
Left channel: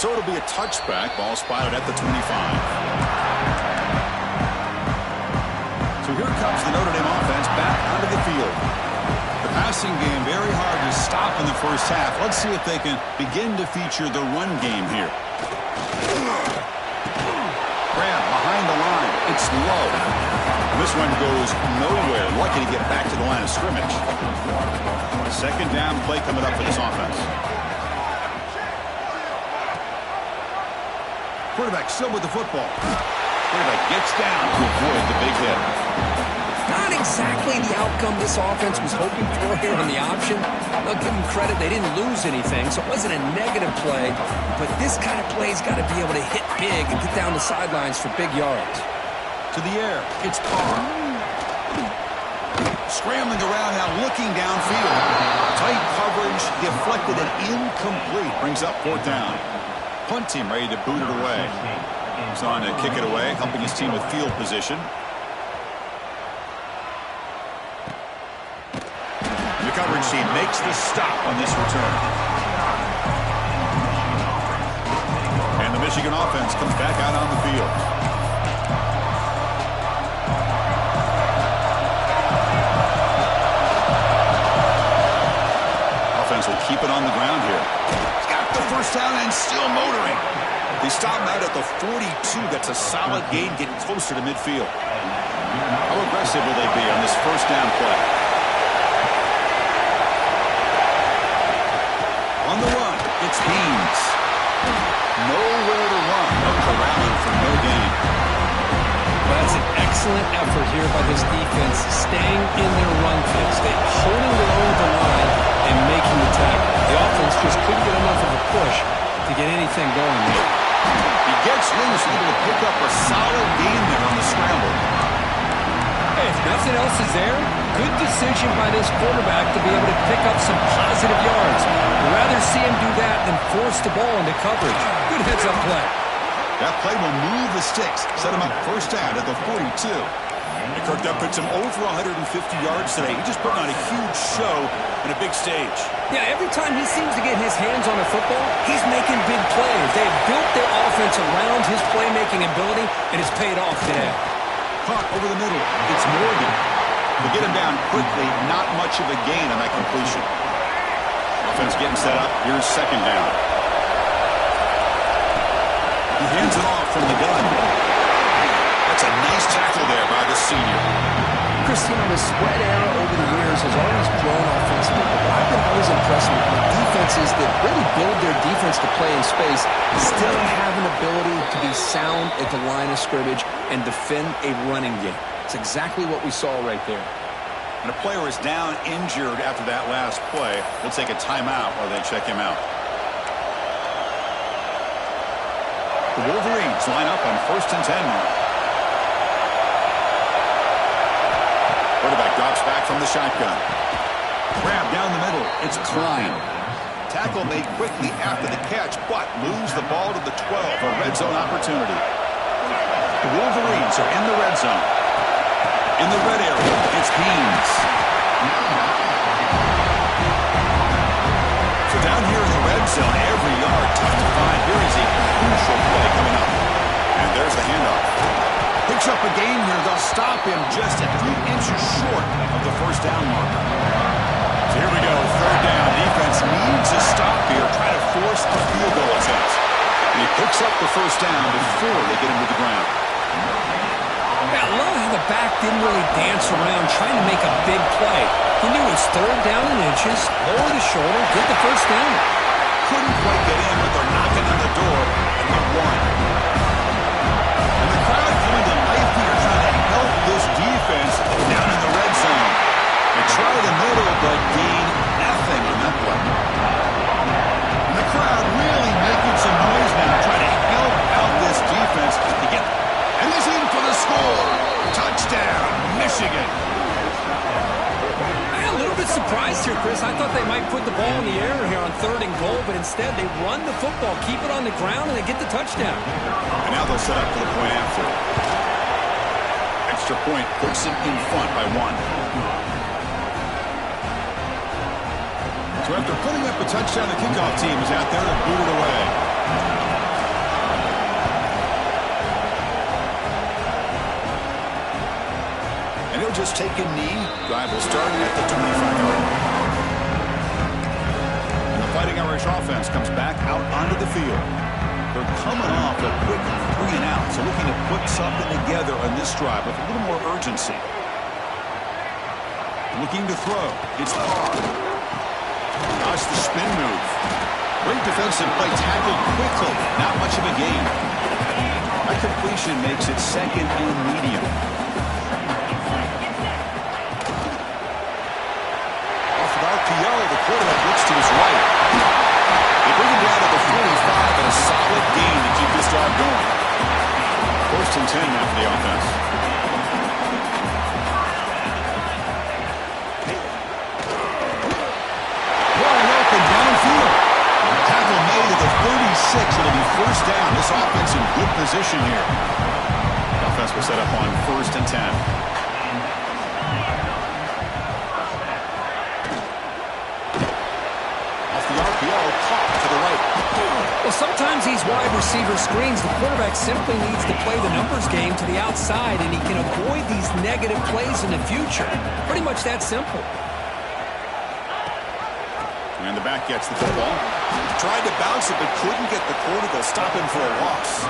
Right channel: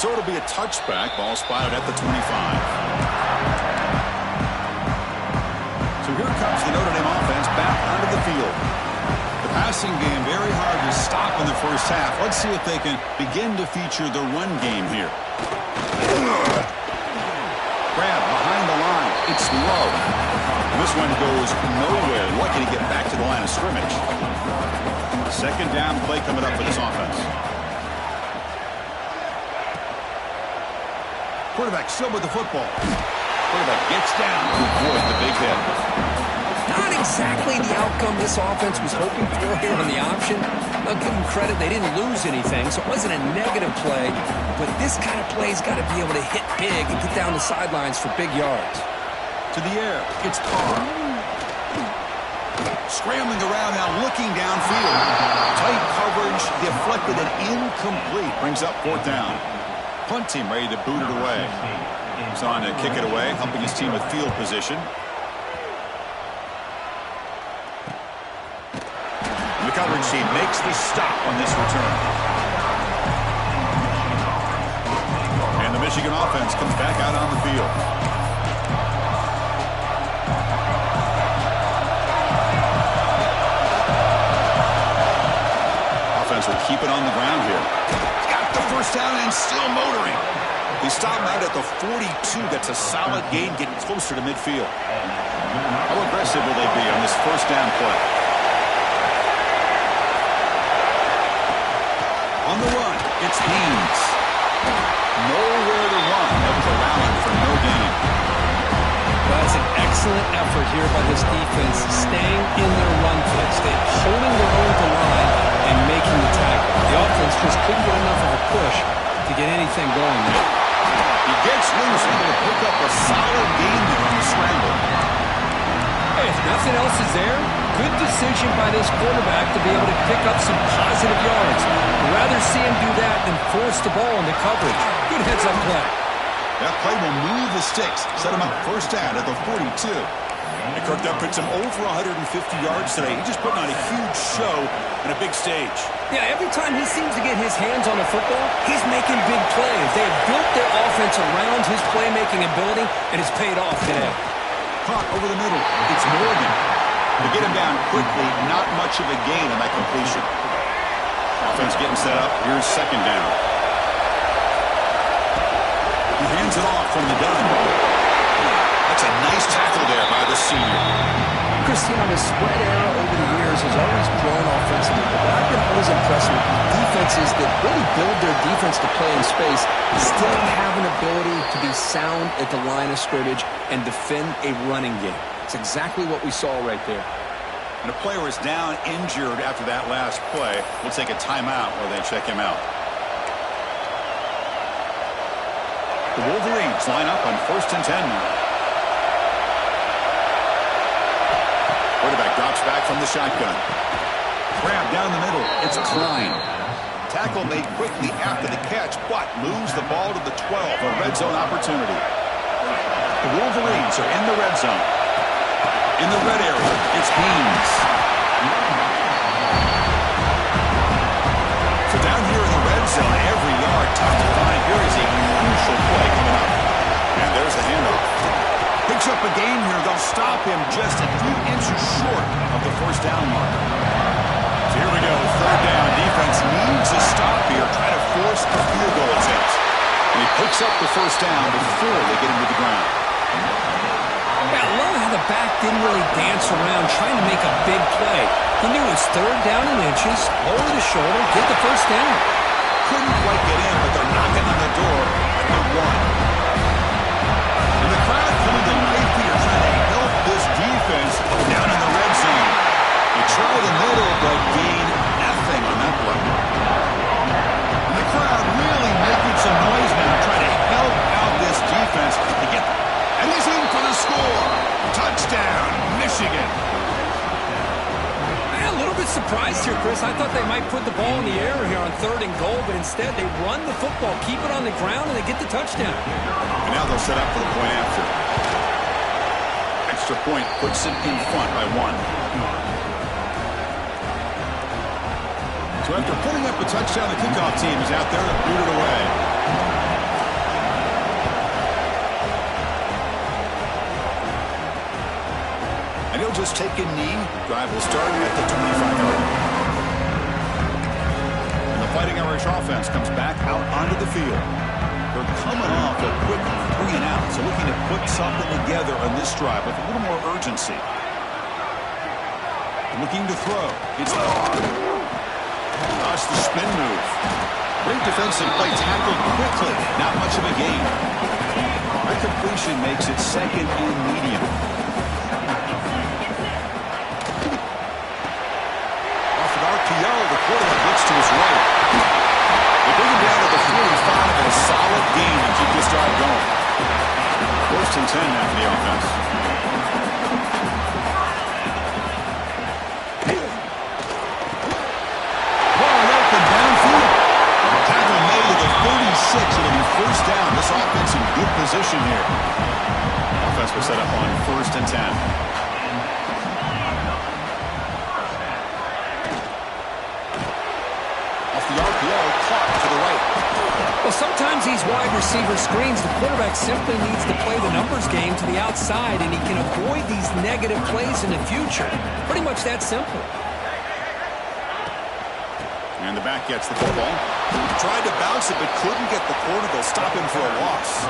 So it'll be a touchback. Ball spotted at the 25. So here comes the Notre Dame offense back onto the field. The passing game very hard to stop in the first half. Let's see if they can begin to feature the run game here. Grab behind the line. It's low. This one goes nowhere. Lucky to get back to the line of scrimmage. Second down play coming up for this offense. Quarterback still with the football. Quarterback gets down to avoid the big hit. Not exactly the outcome this offense was hoping for here on the option. I'll give them credit. They didn't lose anything, so it wasn't a negative play. But this kind of play's got to be able to hit big and get down the sidelines for big yards. To the air. It's Carr. Scrambling around now, looking downfield. Tight coverage, deflected and incomplete. Brings up 4th down. Punt team ready to boot it away. He's on to kick it away, helping his team with field position. The coverage team makes the stop on this return. And the Michigan offense comes back out on the field. Offense will keep it on the ground here. The first down and still motoring. They stop him out at the 42. That's a solid gain, getting closer to midfield. How aggressive will they be on this first down play? On the run, it's Haynes. Nowhere to run. No corralling for no gain. Well, that's an excellent effort here by this defense, staying in their run fits. They're holding their own to the line and making the tackle. The offense just couldn't get enough of a push to get anything going there. He gets loose, able to pick up a solid gain there on the scramble. Hey, if nothing else is there, good decision by this quarterback to be able to pick up some positive yards. I'd rather see him do that than force the ball into coverage. Good heads-up play. That play will move the sticks, set him up first down at the 42. And Kirk Duff puts him over 150 yards today. He's just putting on a huge show and a big stage. Yeah, every time he seems to get his hands on the football, he's making big plays. They have built their offense around his playmaking ability, and it's paid off today. Caught over the middle. It's Morgan. They get him down quickly. Not much of a gain on that completion. Offense getting set up. Here's second down. He hands it off from the gun. That's a nice tackle there by the senior. Christine, the spread era over the years has always grown offensively, but I've been always impressed with defenses that really build their defense to play in space, still have an ability to be sound at the line of scrimmage and defend a running game. It's exactly what we saw right there. And a player is down injured after that last play. We'll take a timeout while they check him out. The Wolverines line up on 1st and 10 now. Quarterback drops back from the shotgun. Grab down the middle. It's Klein. Tackle made quickly after the catch, but moves the ball to the 12. A red zone opportunity. The Wolverines are in the red zone. In the red area, it's Haynes. So down here in the red zone, every yard tough to find. Here is a crucial play coming up. And there's the handoff. Picks up a gain here. They'll stop him just a few inches short of the first down marker. So here we go, third down. Defense needs a stop here, try to force a field goal attempt. And he picks up the first down before they get him to the ground. Yeah, I love how the back didn't really dance around trying to make a big play. He knew it was third down and inches, lower the shoulder, get the first down. Couldn't quite get in, but they're knocking on the door at the 1. And the crowd coming to life here, trying to help this defense down in the red zone. They try the middle, but gain nothing on that play. And the crowd really making some noise now, trying to help out this defense to get. And he's in for the score. Touchdown, Michigan. A little bit surprised here, Chris. I thought they might put the ball in the air here on 3rd and goal, but instead they run the football, keep it on the ground, and they get the touchdown. And now they'll set up for the point after. Extra point puts them in front by 1. So after putting up a touchdown, the kickoff team is out there to boot it away. And he'll just take a knee. Drive will start at the 25-yard line. And the Fighting Irish offense comes back out onto the field. They're coming off a quick 3 and out, so looking to put something together on this drive with a little more urgency. Looking to throw. It's Gosh, the spin move. Great defensive play, tackled quickly. Not much of a gain. That completion makes it 2nd and medium. RPO, the quarterback looks to his right. They bring him down to the 45 and a solid gain to keep this drive going. 1st and 10 now for the offense. Wide open downfield. Tackle made at the 36. It'll be 1st down. This offense in good position here. The offense will set up on 1st and 10. The RPO caught to the right. Well, sometimes these wide receiver screens, the quarterback simply needs to play the numbers game to the outside, and he can avoid these negative plays in the future. Pretty much that simple. And the back gets the football. Tried to bounce it, but couldn't get the quarter. They'll stop him for a loss.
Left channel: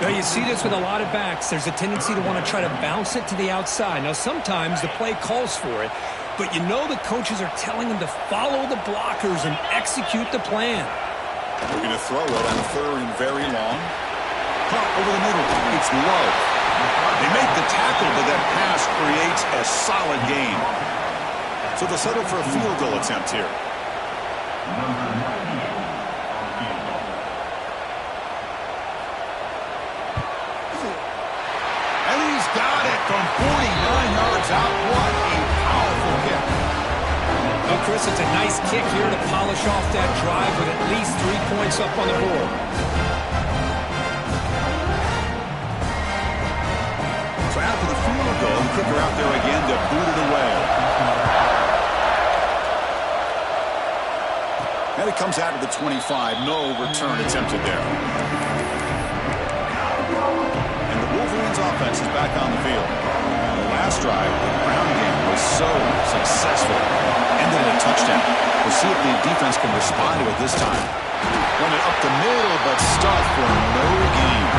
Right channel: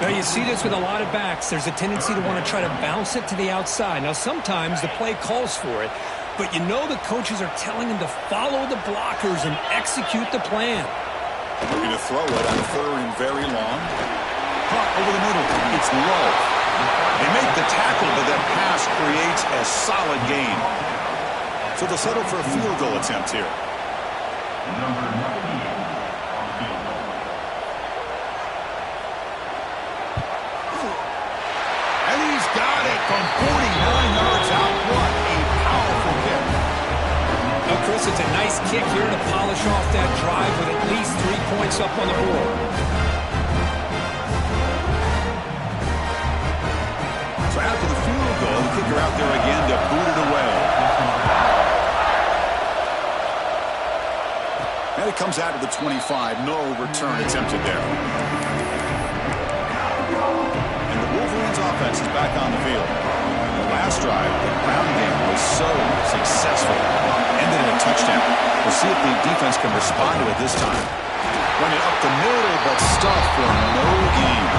Now, you see this with a lot of backs. There's a tendency to want to try to bounce it to the outside. Now, sometimes the play calls for it, but you know the coaches are telling them to follow the blockers and execute the plan. Looking to throw it on 3rd and very long. Caught over the middle. It's low. They make the tackle, but that pass creates a solid gain. So they'll settle for a field goal attempt here. Number 98 on field goal. And he's got it from 49 yards out. What a powerful kick. Well, Chris, it's a nice kick here to polish off that drive with at least 3 points up on the board. So after the field goal, the kicker out there again to boot it away. And it comes out of the 25. No return attempted there. And the Wolverines offense is back on the field. The last drive, the ground game was so successful. Ended in a touchdown. We'll see if the defense can respond to it this time. Run it up the middle, but stuffed for no gain.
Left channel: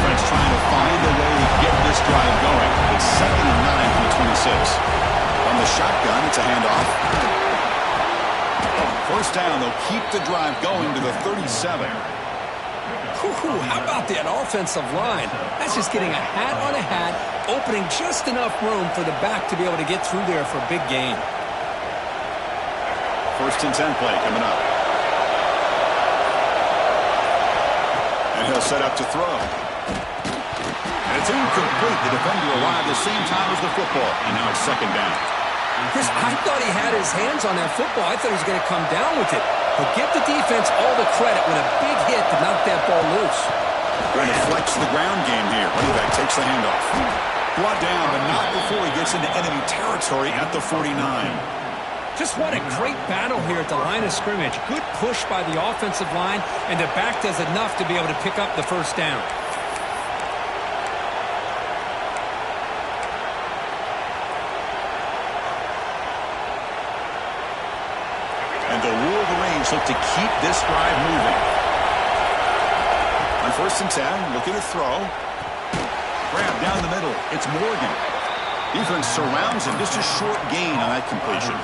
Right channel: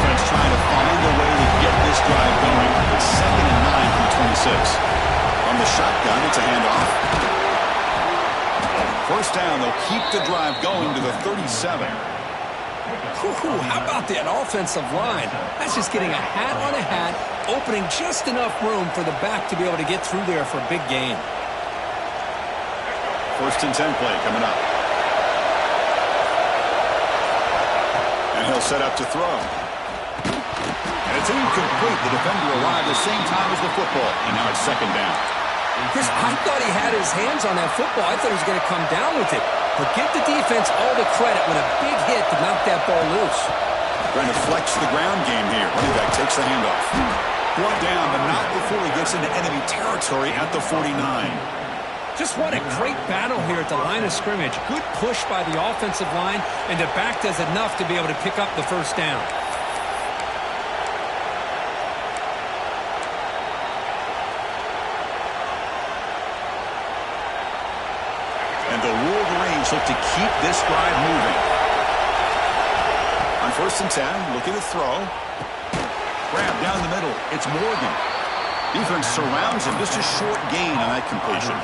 Offense trying to find a way to get this drive going. It's 2nd and 9 from the 26. From the shotgun, it's a handoff. 1st down, they'll keep the drive going to the 37. Ooh, how about that offensive line? That's just getting a hat on a hat, opening just enough room for the back to be able to get through there for a big gain. 1st and 10 play coming up. And he'll set up to throw. And it's incomplete. The defender arrived the same time as the football. And now it's 2nd down. Chris, I thought he had his hands on that football. I thought he was going to come down with it. But give the defense all the credit with a big hit to knock that ball loose. Trying to flex the ground game here. Running back takes the handoff. Brought down, but not before he gets into enemy territory at the 49. Just what a great battle here at the line of scrimmage. Good push by the offensive line, and the back does enough to be able to pick up the 1st down. Wolverines look to keep this drive moving. On 1st and 10, looking to throw. Grab down the middle. It's Morgan. Defense surrounds him. Just a short gain on that completion.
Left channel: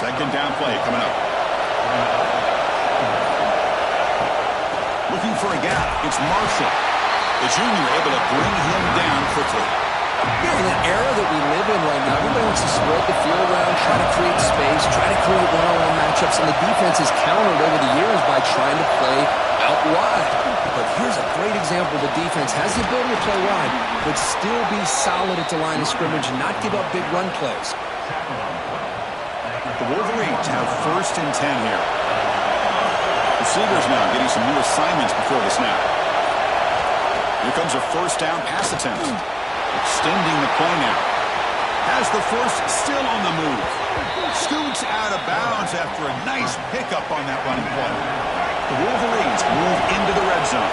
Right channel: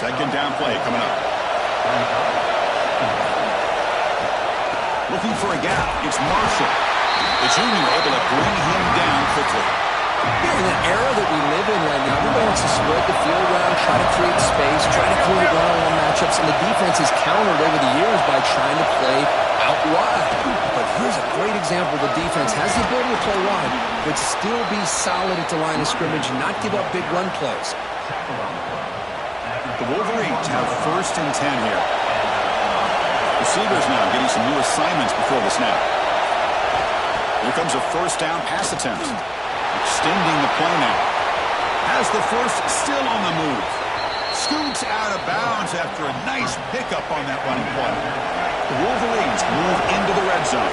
2nd down play coming up. Looking for a gap. It's Marshall. The junior able to bring him down quickly. You know, in the era that we live in right now, everybody wants to spread the field around, try to create space, try to create one-on-one matchups, and the defense is countered over the years by trying to play out wide. But here's a great example. The defense has the ability to play wide, but still be solid at the line of scrimmage and not give up big run plays. The Wolverines have 1st and 10 here. Receivers now getting some new assignments before the snap. Here comes a 1st down pass attempt. Extending the play now. Has the first, still on the move. Scoots out of bounds after a nice pickup on that running play. The Wolverines move into the red zone.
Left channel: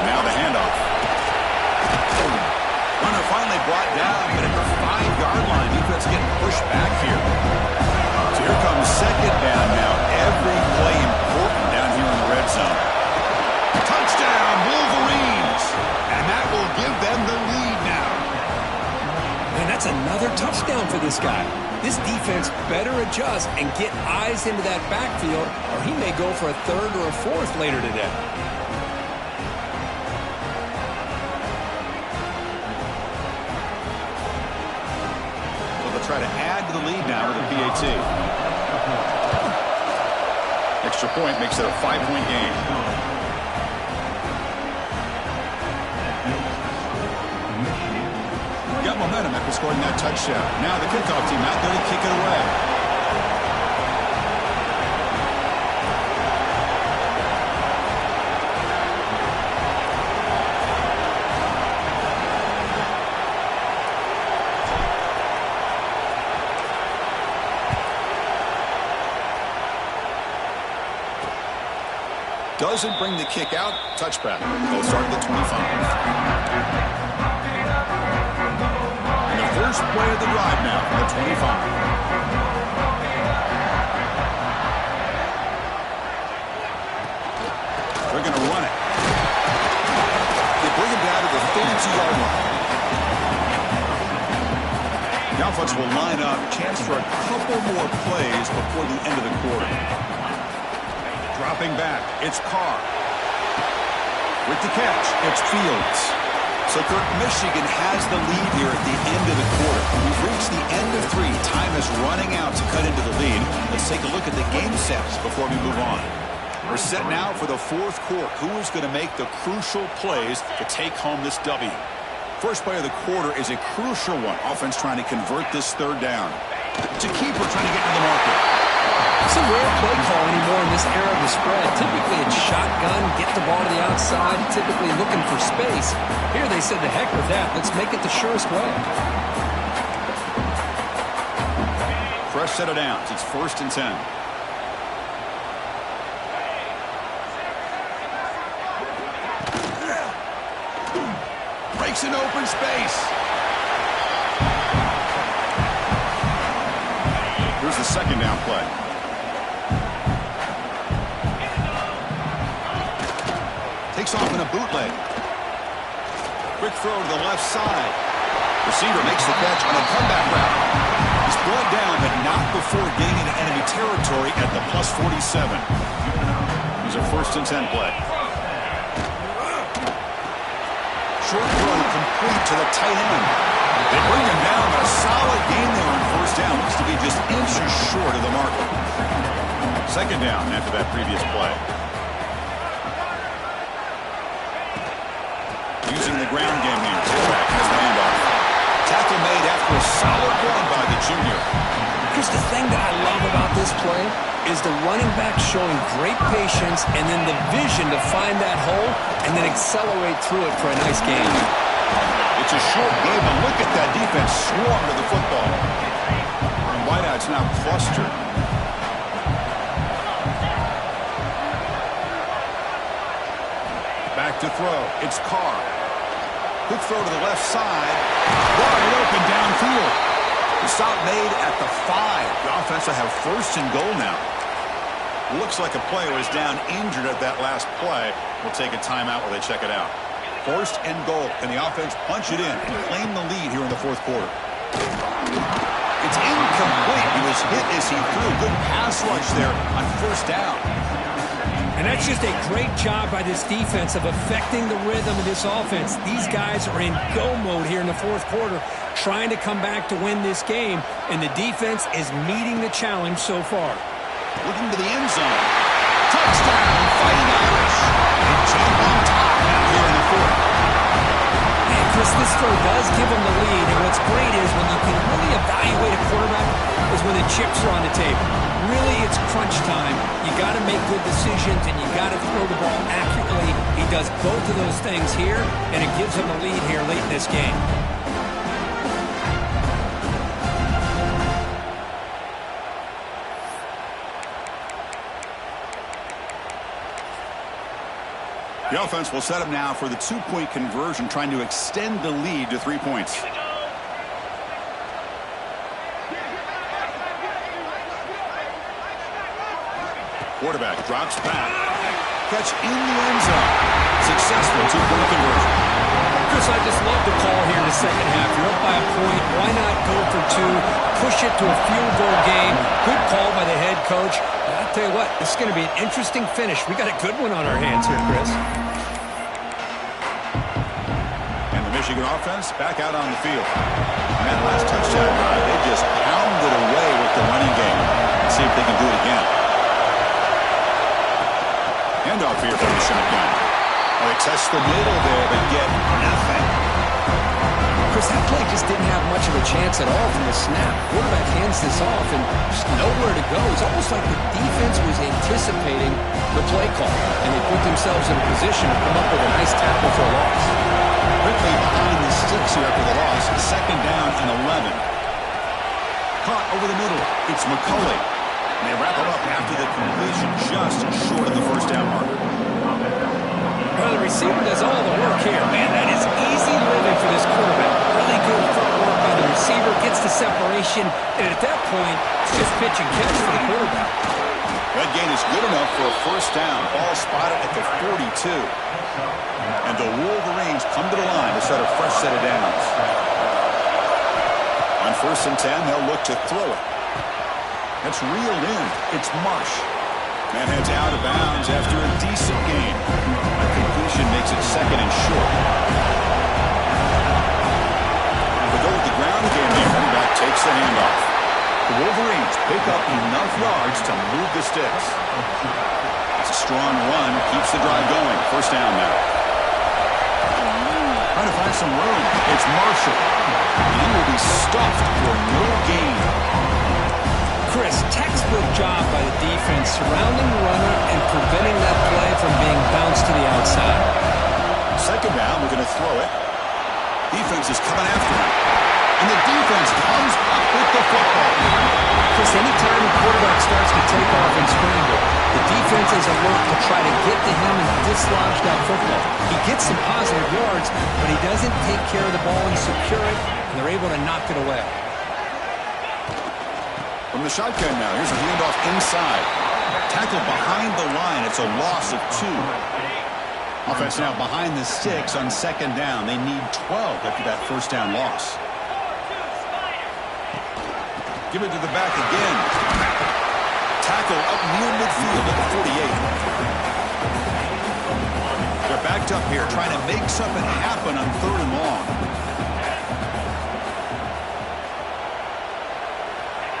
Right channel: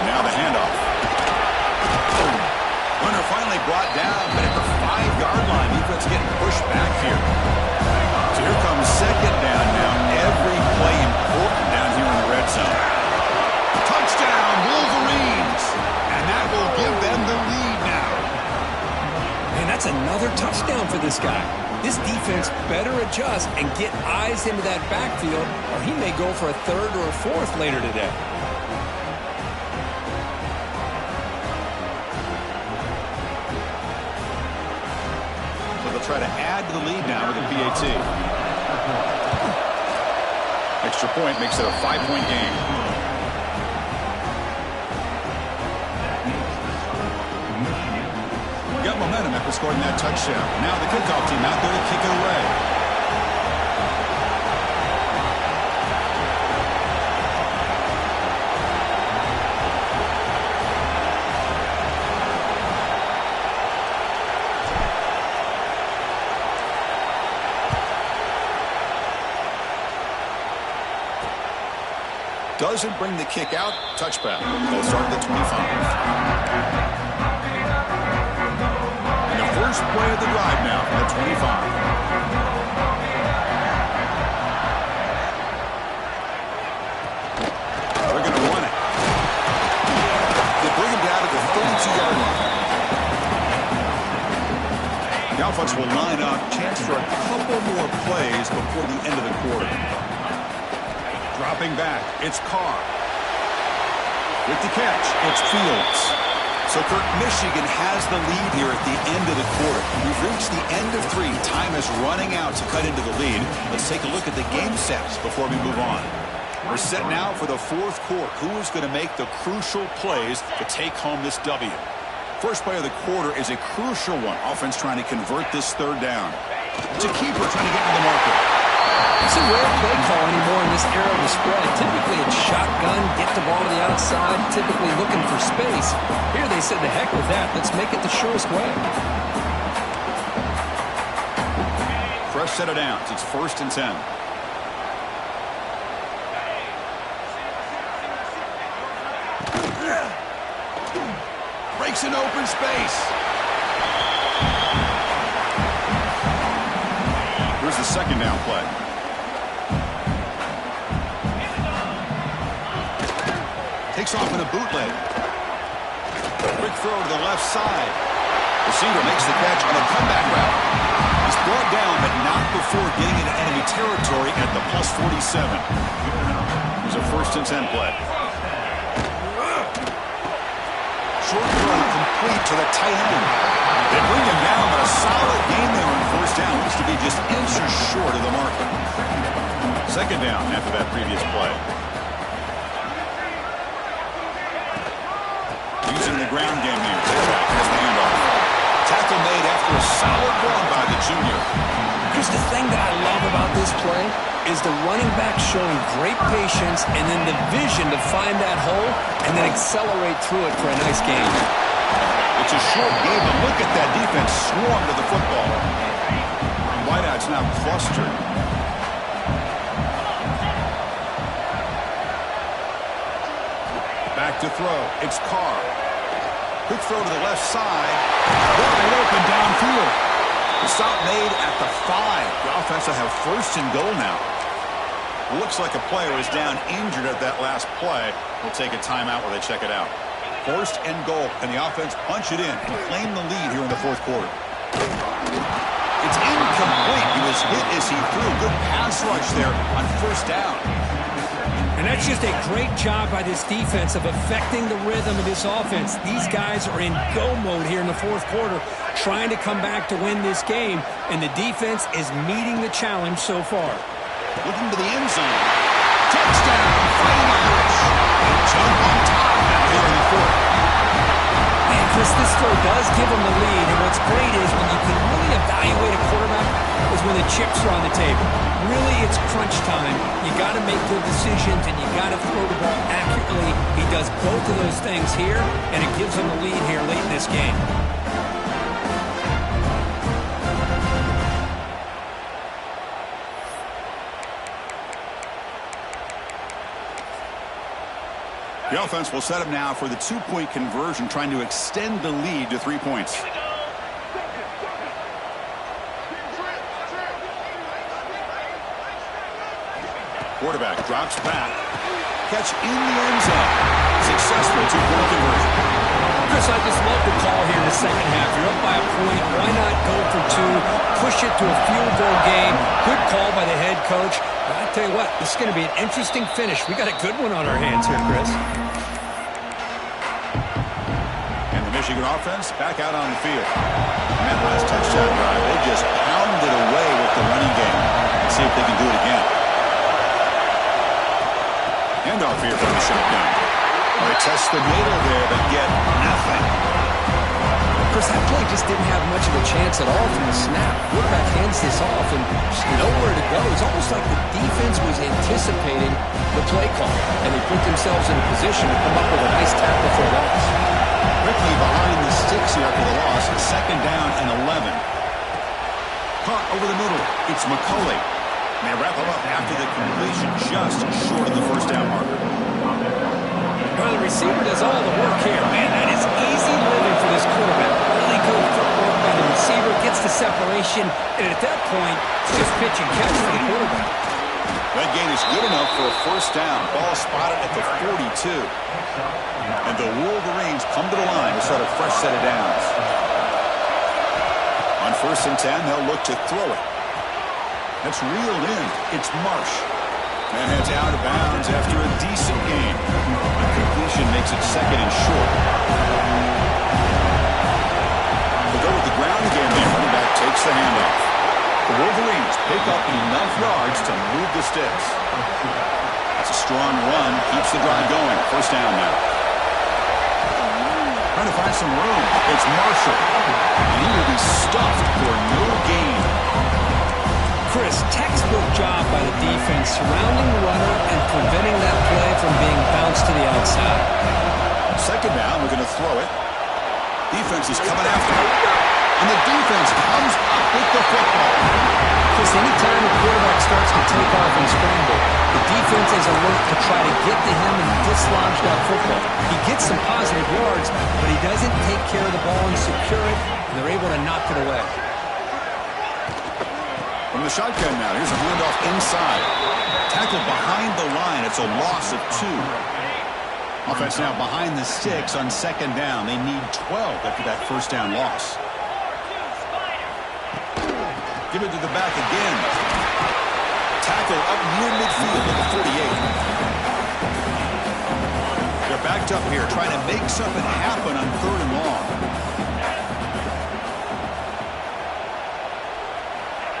And now the handoff. Runner finally brought down, but at the 5-yard line, defense getting pushed back here. So here comes 2nd down now. Every play important down here in the red zone. Touchdown, Wolverines! And that will give them the lead now. And that's another touchdown for this guy. This defense better adjust and get eyes into that backfield, or he may go for a 3rd or a 4th later today. So they'll try to add to the lead now with a PAT. Extra point makes it a 5-point game. Got momentum after scoring that touchdown. Now the kickoff team out there to kick it away. Doesn't bring the kick out. Touchback. They'll start at the 25. First play of the drive now from the 25. They're going to run it. They bring him down to the 32-yard line. The offense will line up. Chance for a couple more plays before the end of the quarter. Dropping back. It's Carr. With the catch, it's Fields. So, Kirk, Michigan has the lead here at the end of the quarter. We've reached the end of 3. Time is running out to cut into the lead. Let's take a look at the game sets before we move on. We're set now for the 4th quarter. Who is going to make the crucial plays to take home this W? First play of the quarter is a crucial one. Offense trying to convert this 3rd down. It's a keeper trying to get to the marker. It's a rare play call anymore in this era of the spread. Typically it's shotgun, get the ball to the outside, typically looking for space. Here they said, the heck with that. Let's make it the surest way. Fresh set of downs. It's 1st and 10. Breaks an open space. Here's the 2nd down play. Takes off in a bootleg. Quick throw to the left side. Receiver makes the catch on a comeback route. He's brought down, but not before getting into enemy territory at the plus 47. Here's a 1st and 10 play. Short throw complete to the tight end. They bring him down, but a solid gain there on 1st down. Looks to be just inches short of the marker. 2nd down after that previous play. Using the ground game here. Tailback has the handoff. Tackle made after a solid run by the junior. Here's the thing that I love about this play is the running back showing great patience and then the vision to find that hole and then accelerate through it for a nice gain. It's a short game, but look at that defense swarm to the football. Wideouts now clustered. Back to throw. It's Carr. Quick throw to the left side. Wide open downfield. The stop made at the 5. The offense will have first and goal now. Looks like a player is down injured at that last play. We'll take a timeout while they check it out. First and goal. Can the offense punch it in and claim the lead here in the fourth quarter? It's incomplete. He was hit as he threw. Good pass rush there on first down. And that's just a great job by this defense of affecting the rhythm of this offense. These guys are in go mode here in the fourth quarter, trying to come back to win this game, and the defense is meeting the challenge so far. Looking to the end zone. Touchdown, Fighting Irish. They jump on top now here in the fourth. Man, Chris, this throw does give them the lead, and what's great is when you can really evaluate a quarterback is when the chips are on the table. Really, it's crunch time. You got to make good decisions, and you got to throw the ball accurately. He does both of those things here, and it gives him the lead here late in this game. The offense will set up now for the two-point conversion, trying to extend the lead to 3 points. Quarterback drops back. Catch in the end zone. Successful two-point conversion. Chris, I just love the call here in the second half. You're up by a point. Why not go for 2? Push it to a field goal game. Good call by the head coach. I'll tell you what, this is going to be an interesting finish. We got a good one on our hands here, Chris. And the Michigan offense back out on the field. And that last touchdown drive, they just pounded away with the running game. Let's see if they can do it again. Handoff here from the shotgun. Oh, they test the middle there, but get nothing. Chris, that play just didn't have much of a chance at all from the snap. Quarterback hands this off and just nowhere to go. It's almost like the defense was anticipating the play call, and they put themselves in a position to come up with a nice tackle for a loss. Quickly behind the sticks here after the loss. Second down and 11. Caught over the middle. It's McCulley. And they wrap him up after the completion, just short of the first down marker. Well, the receiver does all the work here. Man, that is easy living for this quarterback. Really good footwork by the receiver, gets the separation, and at that point, it's just pitch and catch for the quarterback. That gain is good enough for a first down. Ball spotted at the 42. And the Wolverines come to the line to set a fresh set of downs. On first and 10, they'll look to throw it. That's reeled in. It's Marsh. Man heads out of bounds after a decent gain. A completion makes it second and short. They go with the ground game. The running back takes the handoff. The Wolverines pick up enough yards to move the sticks. It's a strong run. Keeps the drive going. First down now. Trying to find some room. It's Marshall. And he will be stuffed for no gain. Chris, textbook job by the defense surrounding the runner and preventing that play from being bounced to the outside. Second down, we're going to throw it. Defense is coming after him. And the defense comes up with the football. Chris, anytime a quarterback starts to take off and scramble, the defense is alert to try to get to him and dislodge that football. He gets some positive yards, but he doesn't take care of the ball and secure it, and they're able to knock it away. From the shotgun now, here's a handoff inside. Tackle behind the line. It's a loss of 2. Offense now behind the sticks on second down. They need 12 after that first down loss. Give it to the back again. Tackle up near midfield at the 48. They're backed up here trying to make something happen on third and long.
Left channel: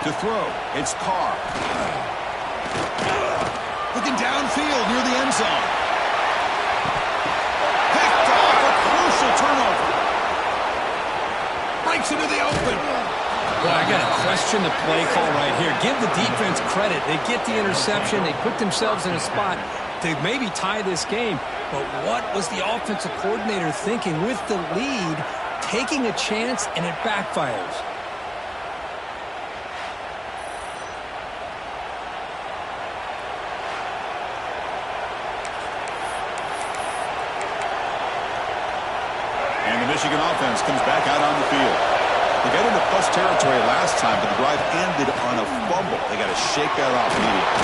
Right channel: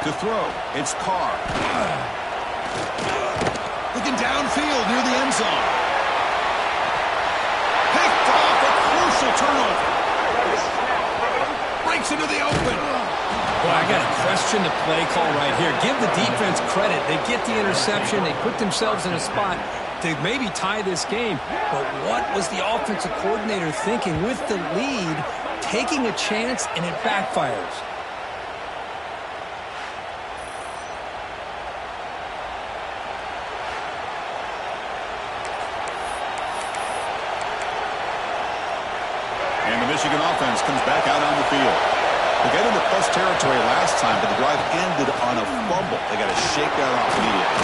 To throw, it's Carr. Looking downfield near the end zone. Picked off, a crucial turnover. Breaks into the open. Boy, I got to question the play call right here. Give the defense credit. They get the interception. They put themselves in a spot to maybe tie this game. But what was the offensive coordinator thinking with the lead, taking a chance, and it backfires? And the Michigan offense comes back out on the field. They got into plus territory last time, but the drive ended on a fumble. They got to shake that off immediately.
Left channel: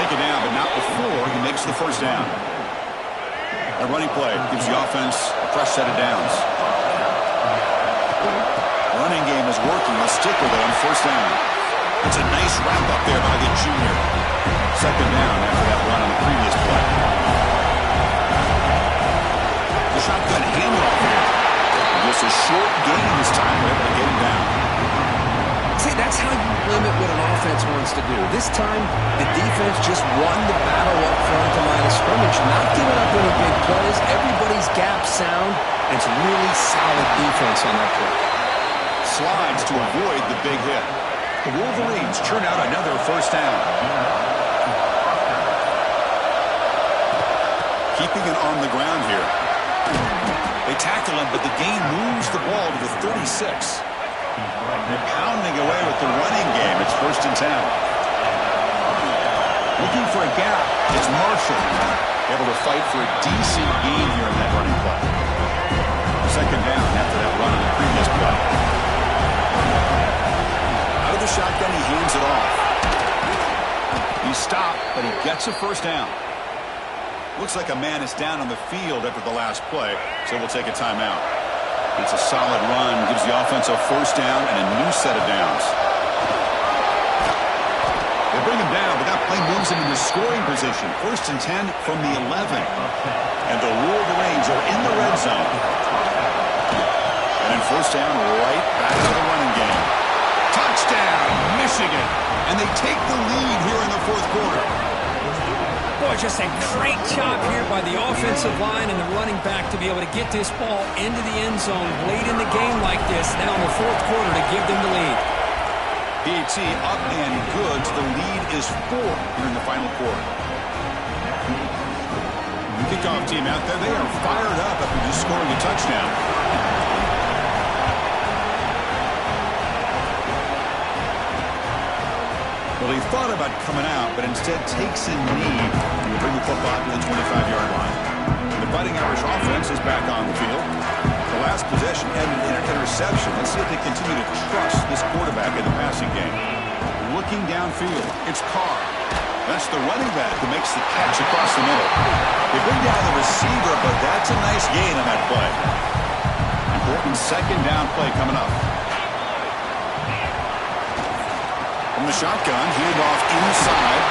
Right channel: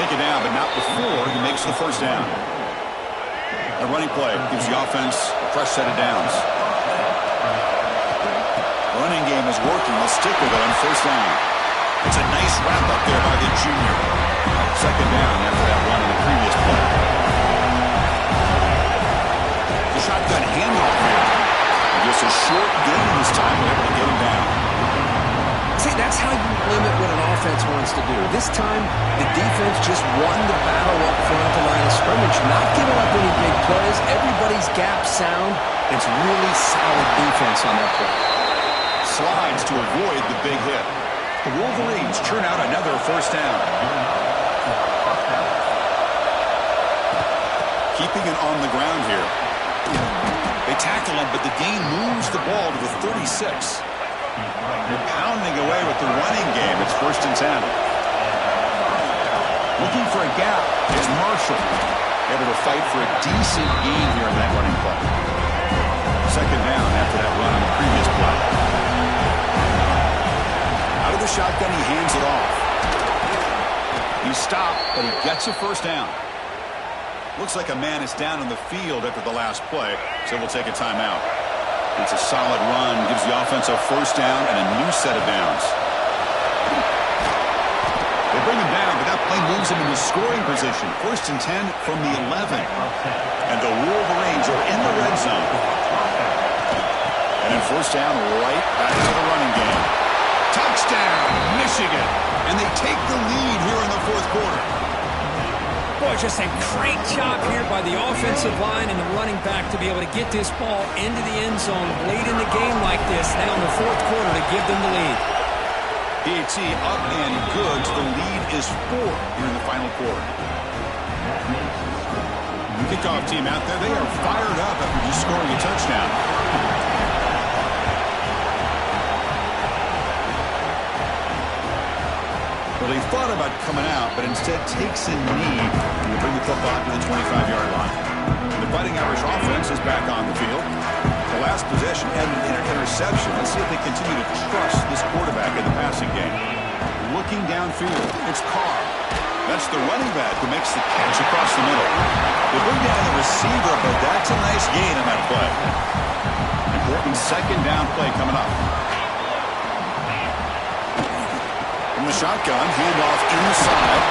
Take it down, but not before he makes the first down. A running play gives the offense a fresh set of downs. Running game is working. They'll stick with it on first down. It's a nice wrap up there by the junior. Second down after that run on the previous play. The shotgun handoff here. And just a short gain this time. They're able to get him down. See, that's how you limit what an offense wants to do. This time, the defense just won the battle up front at the line of scrimmage, not giving up any big plays. Everybody's gap sound. And it's really solid defense on that play. Slides to avoid the big hit. The Wolverines churn out another first down. Keeping it on the ground here. They tackle him, but the gain moves the ball to the 36. They're pounding away with the running game. It's 1st and 10. Looking for a gap. It's Marshall. Able to fight for a decent gain here in that running play. Second down after that run on the previous play. Out of the shotgun, he hands it off. He's stopped, but he gets a first down. Looks like a man is down on the field after the last play, so we'll take a timeout. It's a solid run, gives the offense a first down and a new set of downs. They bring him down, but that play moves him into scoring position. 1st and 10 from the 11. And the Wolverines are in the red zone. And then first down, right back into the running game. Touchdown, Michigan. And they take the lead here in the 4th quarter. Boy, just a great job here by the offensive line and the running back to be able to get this ball into the end zone late in the game like this, now in the 4th quarter to give them the lead. PAT up and good. The lead is 4 here in the final quarter. Kickoff team out there, they are fired up after just scoring a touchdown. Well, he thought about coming out, but instead takes a knee to bring the football to the 25-yard line. The Fighting Irish offense is back on the field. The last possession ended in an interception. Let's see if they continue to trust this quarterback in the passing game. Looking downfield, it's Carr. That's the running back who makes the catch across the middle. They bring down the receiver, but that's a nice gain on that play. Important second down play coming up. From the shotgun, handoff inside.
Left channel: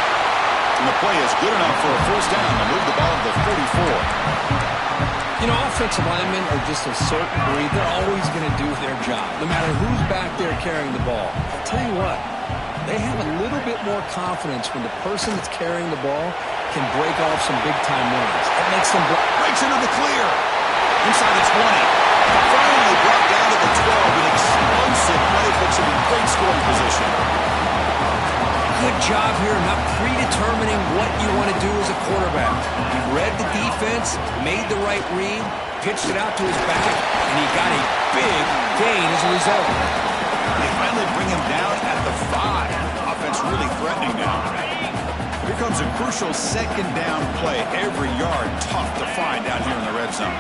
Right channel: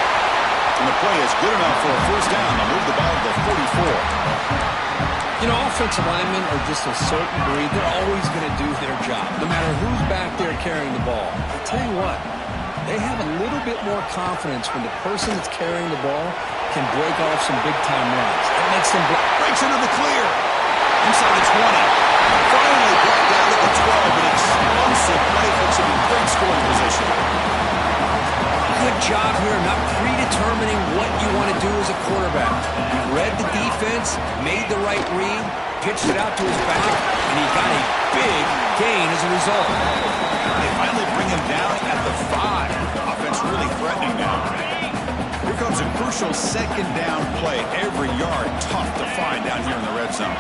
And the play is good enough for a first down. They'll move the ball to the 44. You know, offensive linemen are just a certain breed. They're always going to do their job, no matter who's back there carrying the ball. I'll tell you what, they have a little bit more confidence when the person that's carrying the ball can break off some big-time runs. That makes them... Breaks into the clear. Inside the 20. Finally brought down to the 12. An explosive play puts him in great scoring position. Good job here, not predetermining what you want to do as a quarterback. He read the defense, made the right read, pitched it out to his back, and he got a big gain as a result. They finally bring him down at the 5. Offense really threatening now. Here comes a crucial second down play. Every yard tough to find down here in the red zone.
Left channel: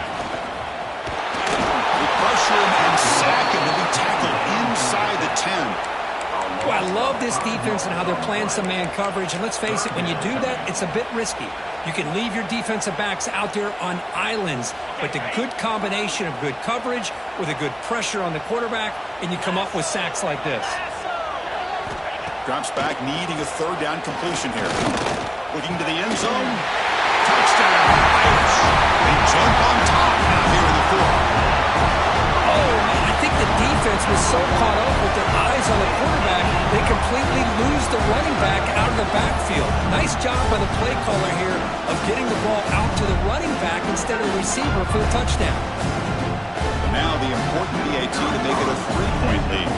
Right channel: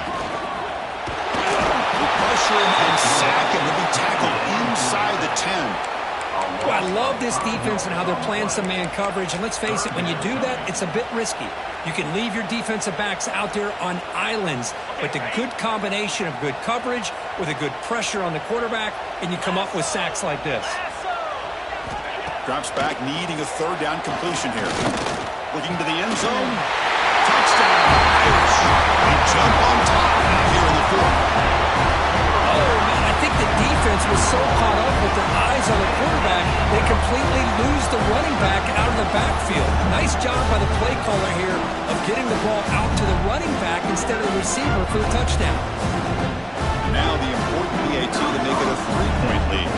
They pressure him and sack him to be tackled inside the 10. Well, I love this defense and how they're playing some man coverage. And let's face it, when you do that, it's a bit risky. You can leave your defensive backs out there on islands, but the good combination of good coverage with a good pressure on the quarterback, and you come up with sacks like this. Drops back, needing a third down completion here. Looking to the end zone. Touchdown, Irish. They jump on top now here in the 4th. Oh, man, I think the defense was so caught up with their eyes on the quarterback, they completely lose the running back out of the backfield. Nice job by the play caller here of getting the ball out to the running back instead of the receiver for the touchdown. And now the important PAT to make it a 3-point lead.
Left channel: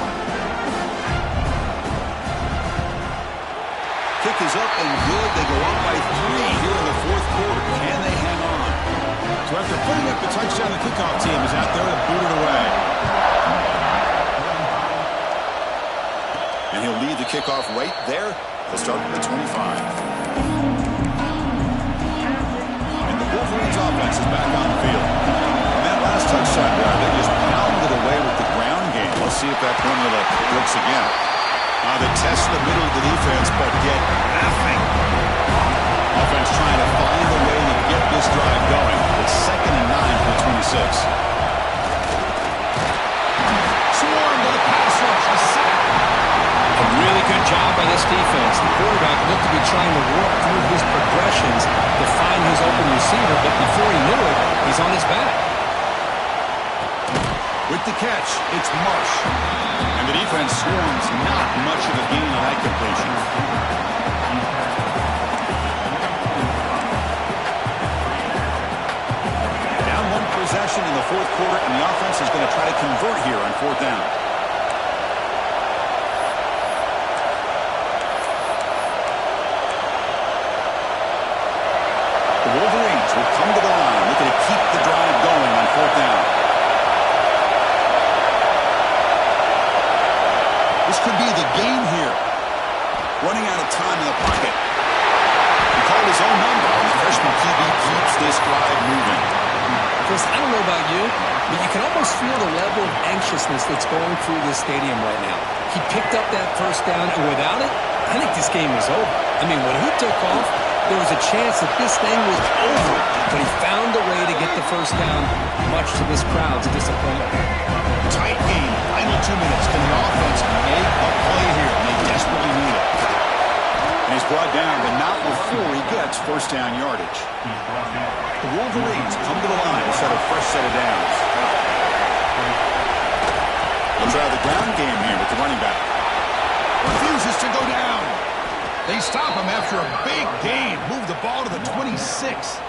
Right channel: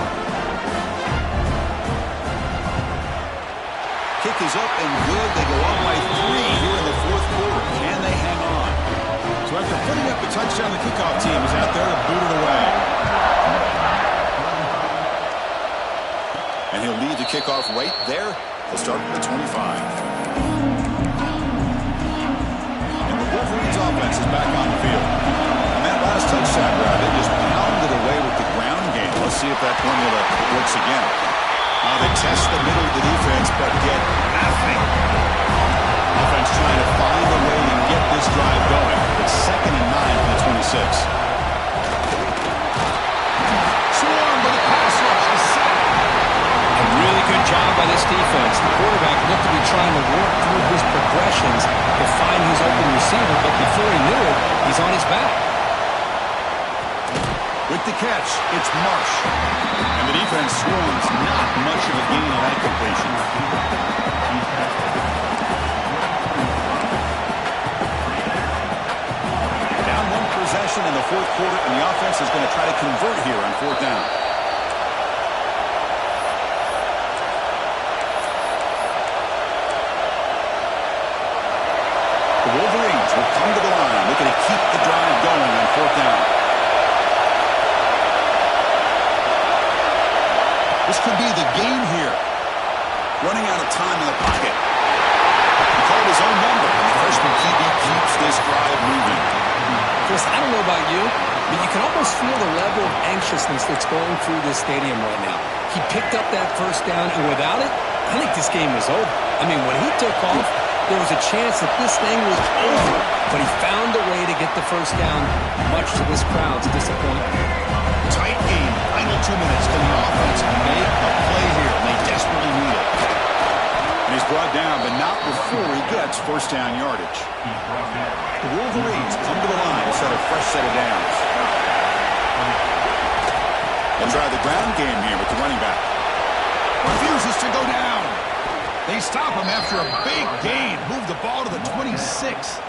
Kick is up and good. They go up by 3 here in the 4th quarter. Can they hang on? So after putting up the touchdown, the kickoff team is out there to boot it away. And he'll lead the kickoff right there. He'll start with the 25. And the Wolverines offense is back on the field. On that last touchdown drive, they just pounded away with the ground game. We'll see if that formula works again. They test the middle of the defense, but get nothing. Offense trying to find a way to get this drive going. It's 2nd and 9 for the 26. Swarm with a pass rush, a sack. A really good job by this defense. The quarterback looked to be trying to work through his progressions to find his open receiver, but before he knew it, he's on his back. With the catch, it's Marsh. And the defense swarms not much of a gain on that completion. Down 1 possession in the 4th quarter, and the offense is going to try to convert here on 4th down. The Wolverines will come to the line, looking to keep the drive going on 4th down. This could be the game here. Running out of time in the pocket. He called his own number, and the freshman QB keeps this drive moving. Chris, I don't know about you, but you can almost feel the level of anxiousness that's going through this stadium right now. He picked up that 1st down, and without it, I think this game was over. I mean, when he took off, there was a chance that this thing was over, but he found a way to get the 1st down, much to this crowd's disappointment. Tight game. Final 2 minutes. Can the offense make a play here? And they desperately need it. And he's brought down, but not before he gets 1st down yardage. The Wolverines come to the line to set a fresh set of downs. They'll try the ground game here with the running back. Refuses to go down. They stop him after a big gain. Move the ball to the 26.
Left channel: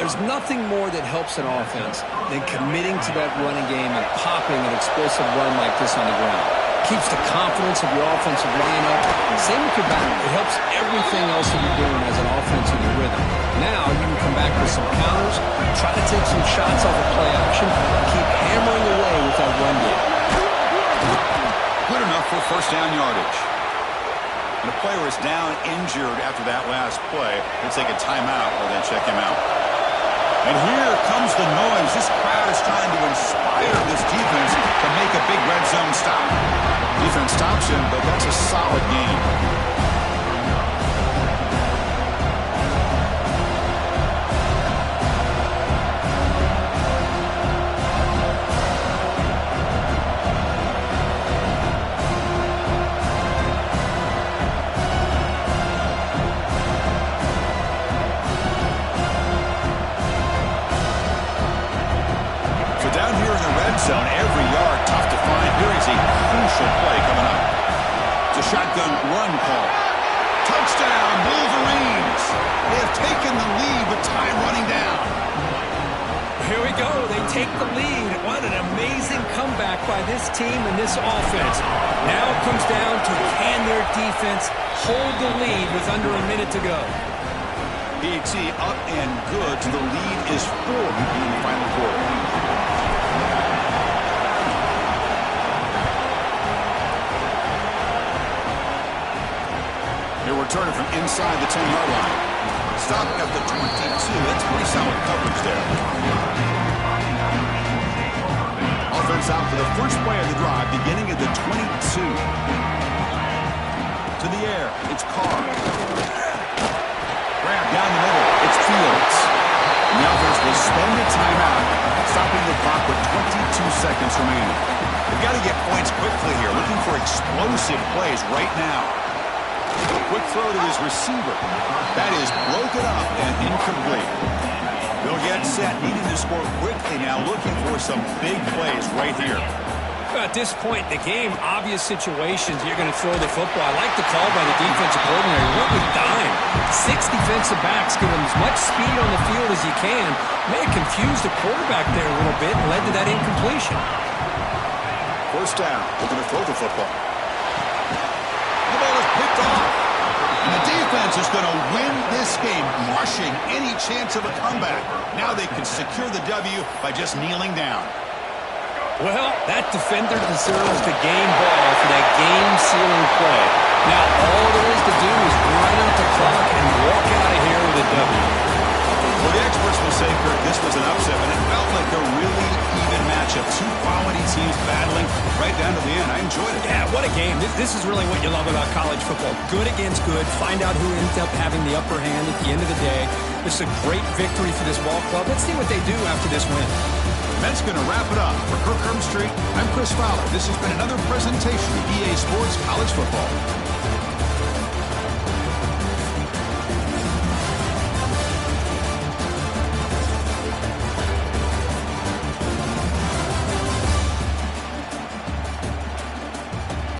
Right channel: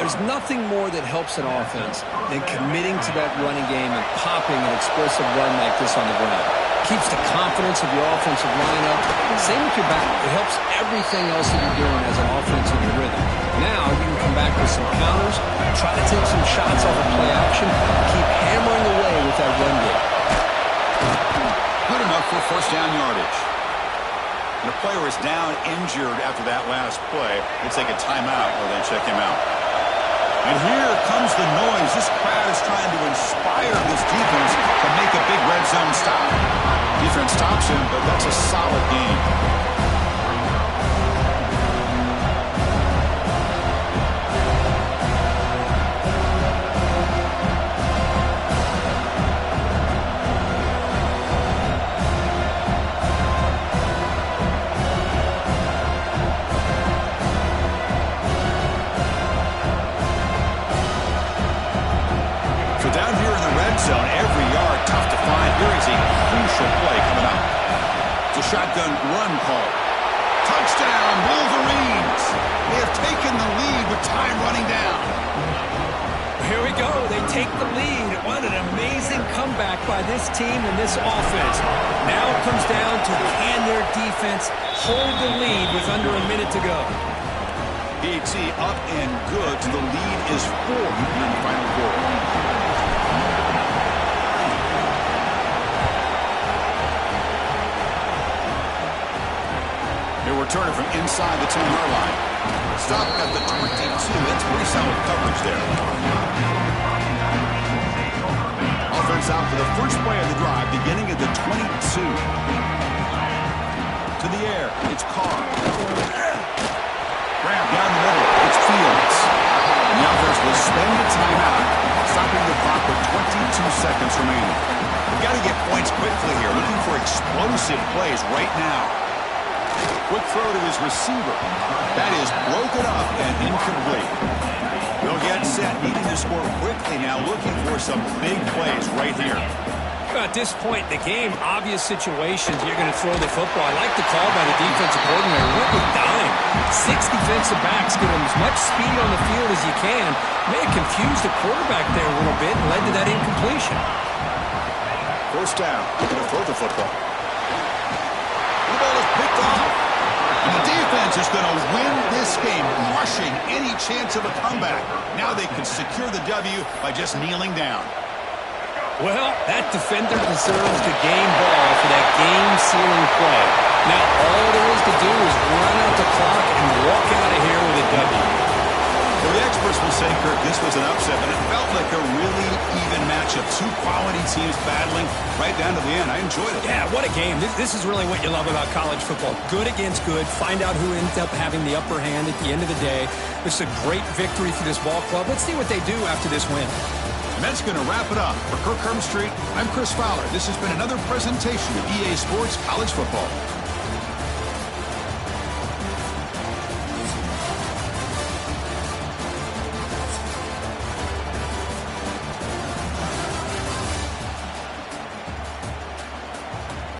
There's nothing more that helps an offense than committing to that running game and popping an explosive run like this on the ground. Keeps the confidence of your offensive lineup. Same with your back. It helps everything else that you're doing as an offense in your rhythm. Now you can come back with some counters, try to take some shots off of play action, and keep hammering away with that run game. Good enough for 1st down yardage. And a player is down injured after that last play. Let's take a timeout or then check him out. And here comes the noise. This crowd is trying to inspire this defense to make a big red zone stop. Defense stops him, but that's a solid gain. Down here in the red zone, every yard tough to find. Here is a crucial play coming up. It's a shotgun run call. Touchdown, Wolverines. They have taken the lead with time running down. Here we go. They take the lead. What an amazing comeback by this team and this offense. Now it comes down to can their defense hold the lead with under a minute to go. PAT up and good. The lead is 4 here in the final quarter. They return it from inside the 10-yard line. Stop at the 22. That's pretty solid coverage there. Offense out for the first play of the drive, beginning at the 22. To the air, it's Carr. Grab down the middle, it's Fields. And the offense will spend a timeout, stopping the clock with 22 seconds remaining. They've got to get points quickly here, looking for explosive plays right now. Quick throw to his receiver. That is broken up and incomplete. They'll get set, needing to score quickly now, looking for some big plays right here. At this point in the game, obvious situations, you're going to throw the football. I like the call by the defensive coordinator. Went with dime. 6 defensive backs, get them as much speed on the field as you can. May have confused the quarterback there a little bit and led to that incompletion. 1st down, looking to throw the football. The ball is picked off. And the defense is going to win this game, crushing any chance of a comeback. Now they can secure the W by just kneeling down. Well, that defender deserves the game ball for that game-sealing play. Now all there is to do is run out the clock and walk out of here with a W. Well, the experts will say, Kirk, this was an upset, but it felt like a really even matchup. Two quality teams battling right down to the end. I enjoyed it. Yeah, what a game. This is really what you love about college football. Good against good. Find out who ends up having the upper hand at the end of the day. This is a great victory for this ball club. Let's see what they do after this win. And that's going to wrap it up. For Kirk Street, I'm Chris Fowler. This has been another presentation of EA Sports College Football.